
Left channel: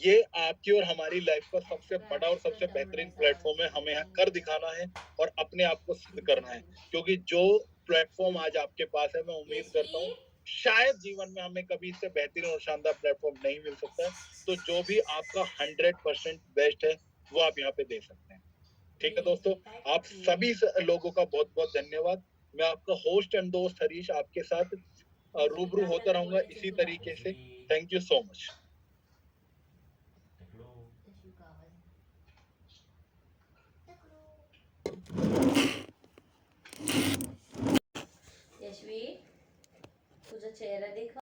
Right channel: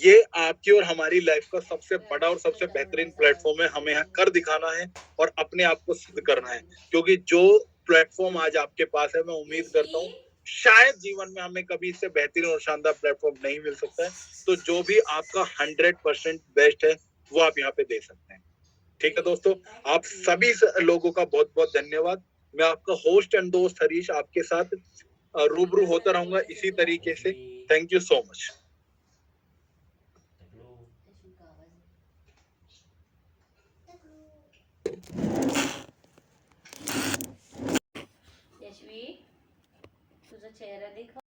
ये आपकी और हमारी लाइफ का सबसे बड़ा और सबसे बेहतरीन प्लेटफॉर्म है। हमें यहाँ कर दिखाना है और अपने आप को सिद्ध करना है, क्योंकि जो प्लेटफॉर्म आज आपके पास है, मैं उम्मीद करता हूँ शायद जीवन में हमें कभी इससे बेहतरीन और शानदार प्लेटफॉर्म नहीं मिल सकता है। तो जो भी आपका 100% बेस्ट है वो आप यहाँ पे दे सकते हैं। ठीक है दोस्तों, आप सभी लोगों का बहुत बहुत धन्यवाद। मैं आपका होस्ट एंड दोस्त हरीश आपके साथ रूबरू होता रहूंगा इसी तरीके से। Thank you so much. Yashvi, तुझा चेहरा दिखव.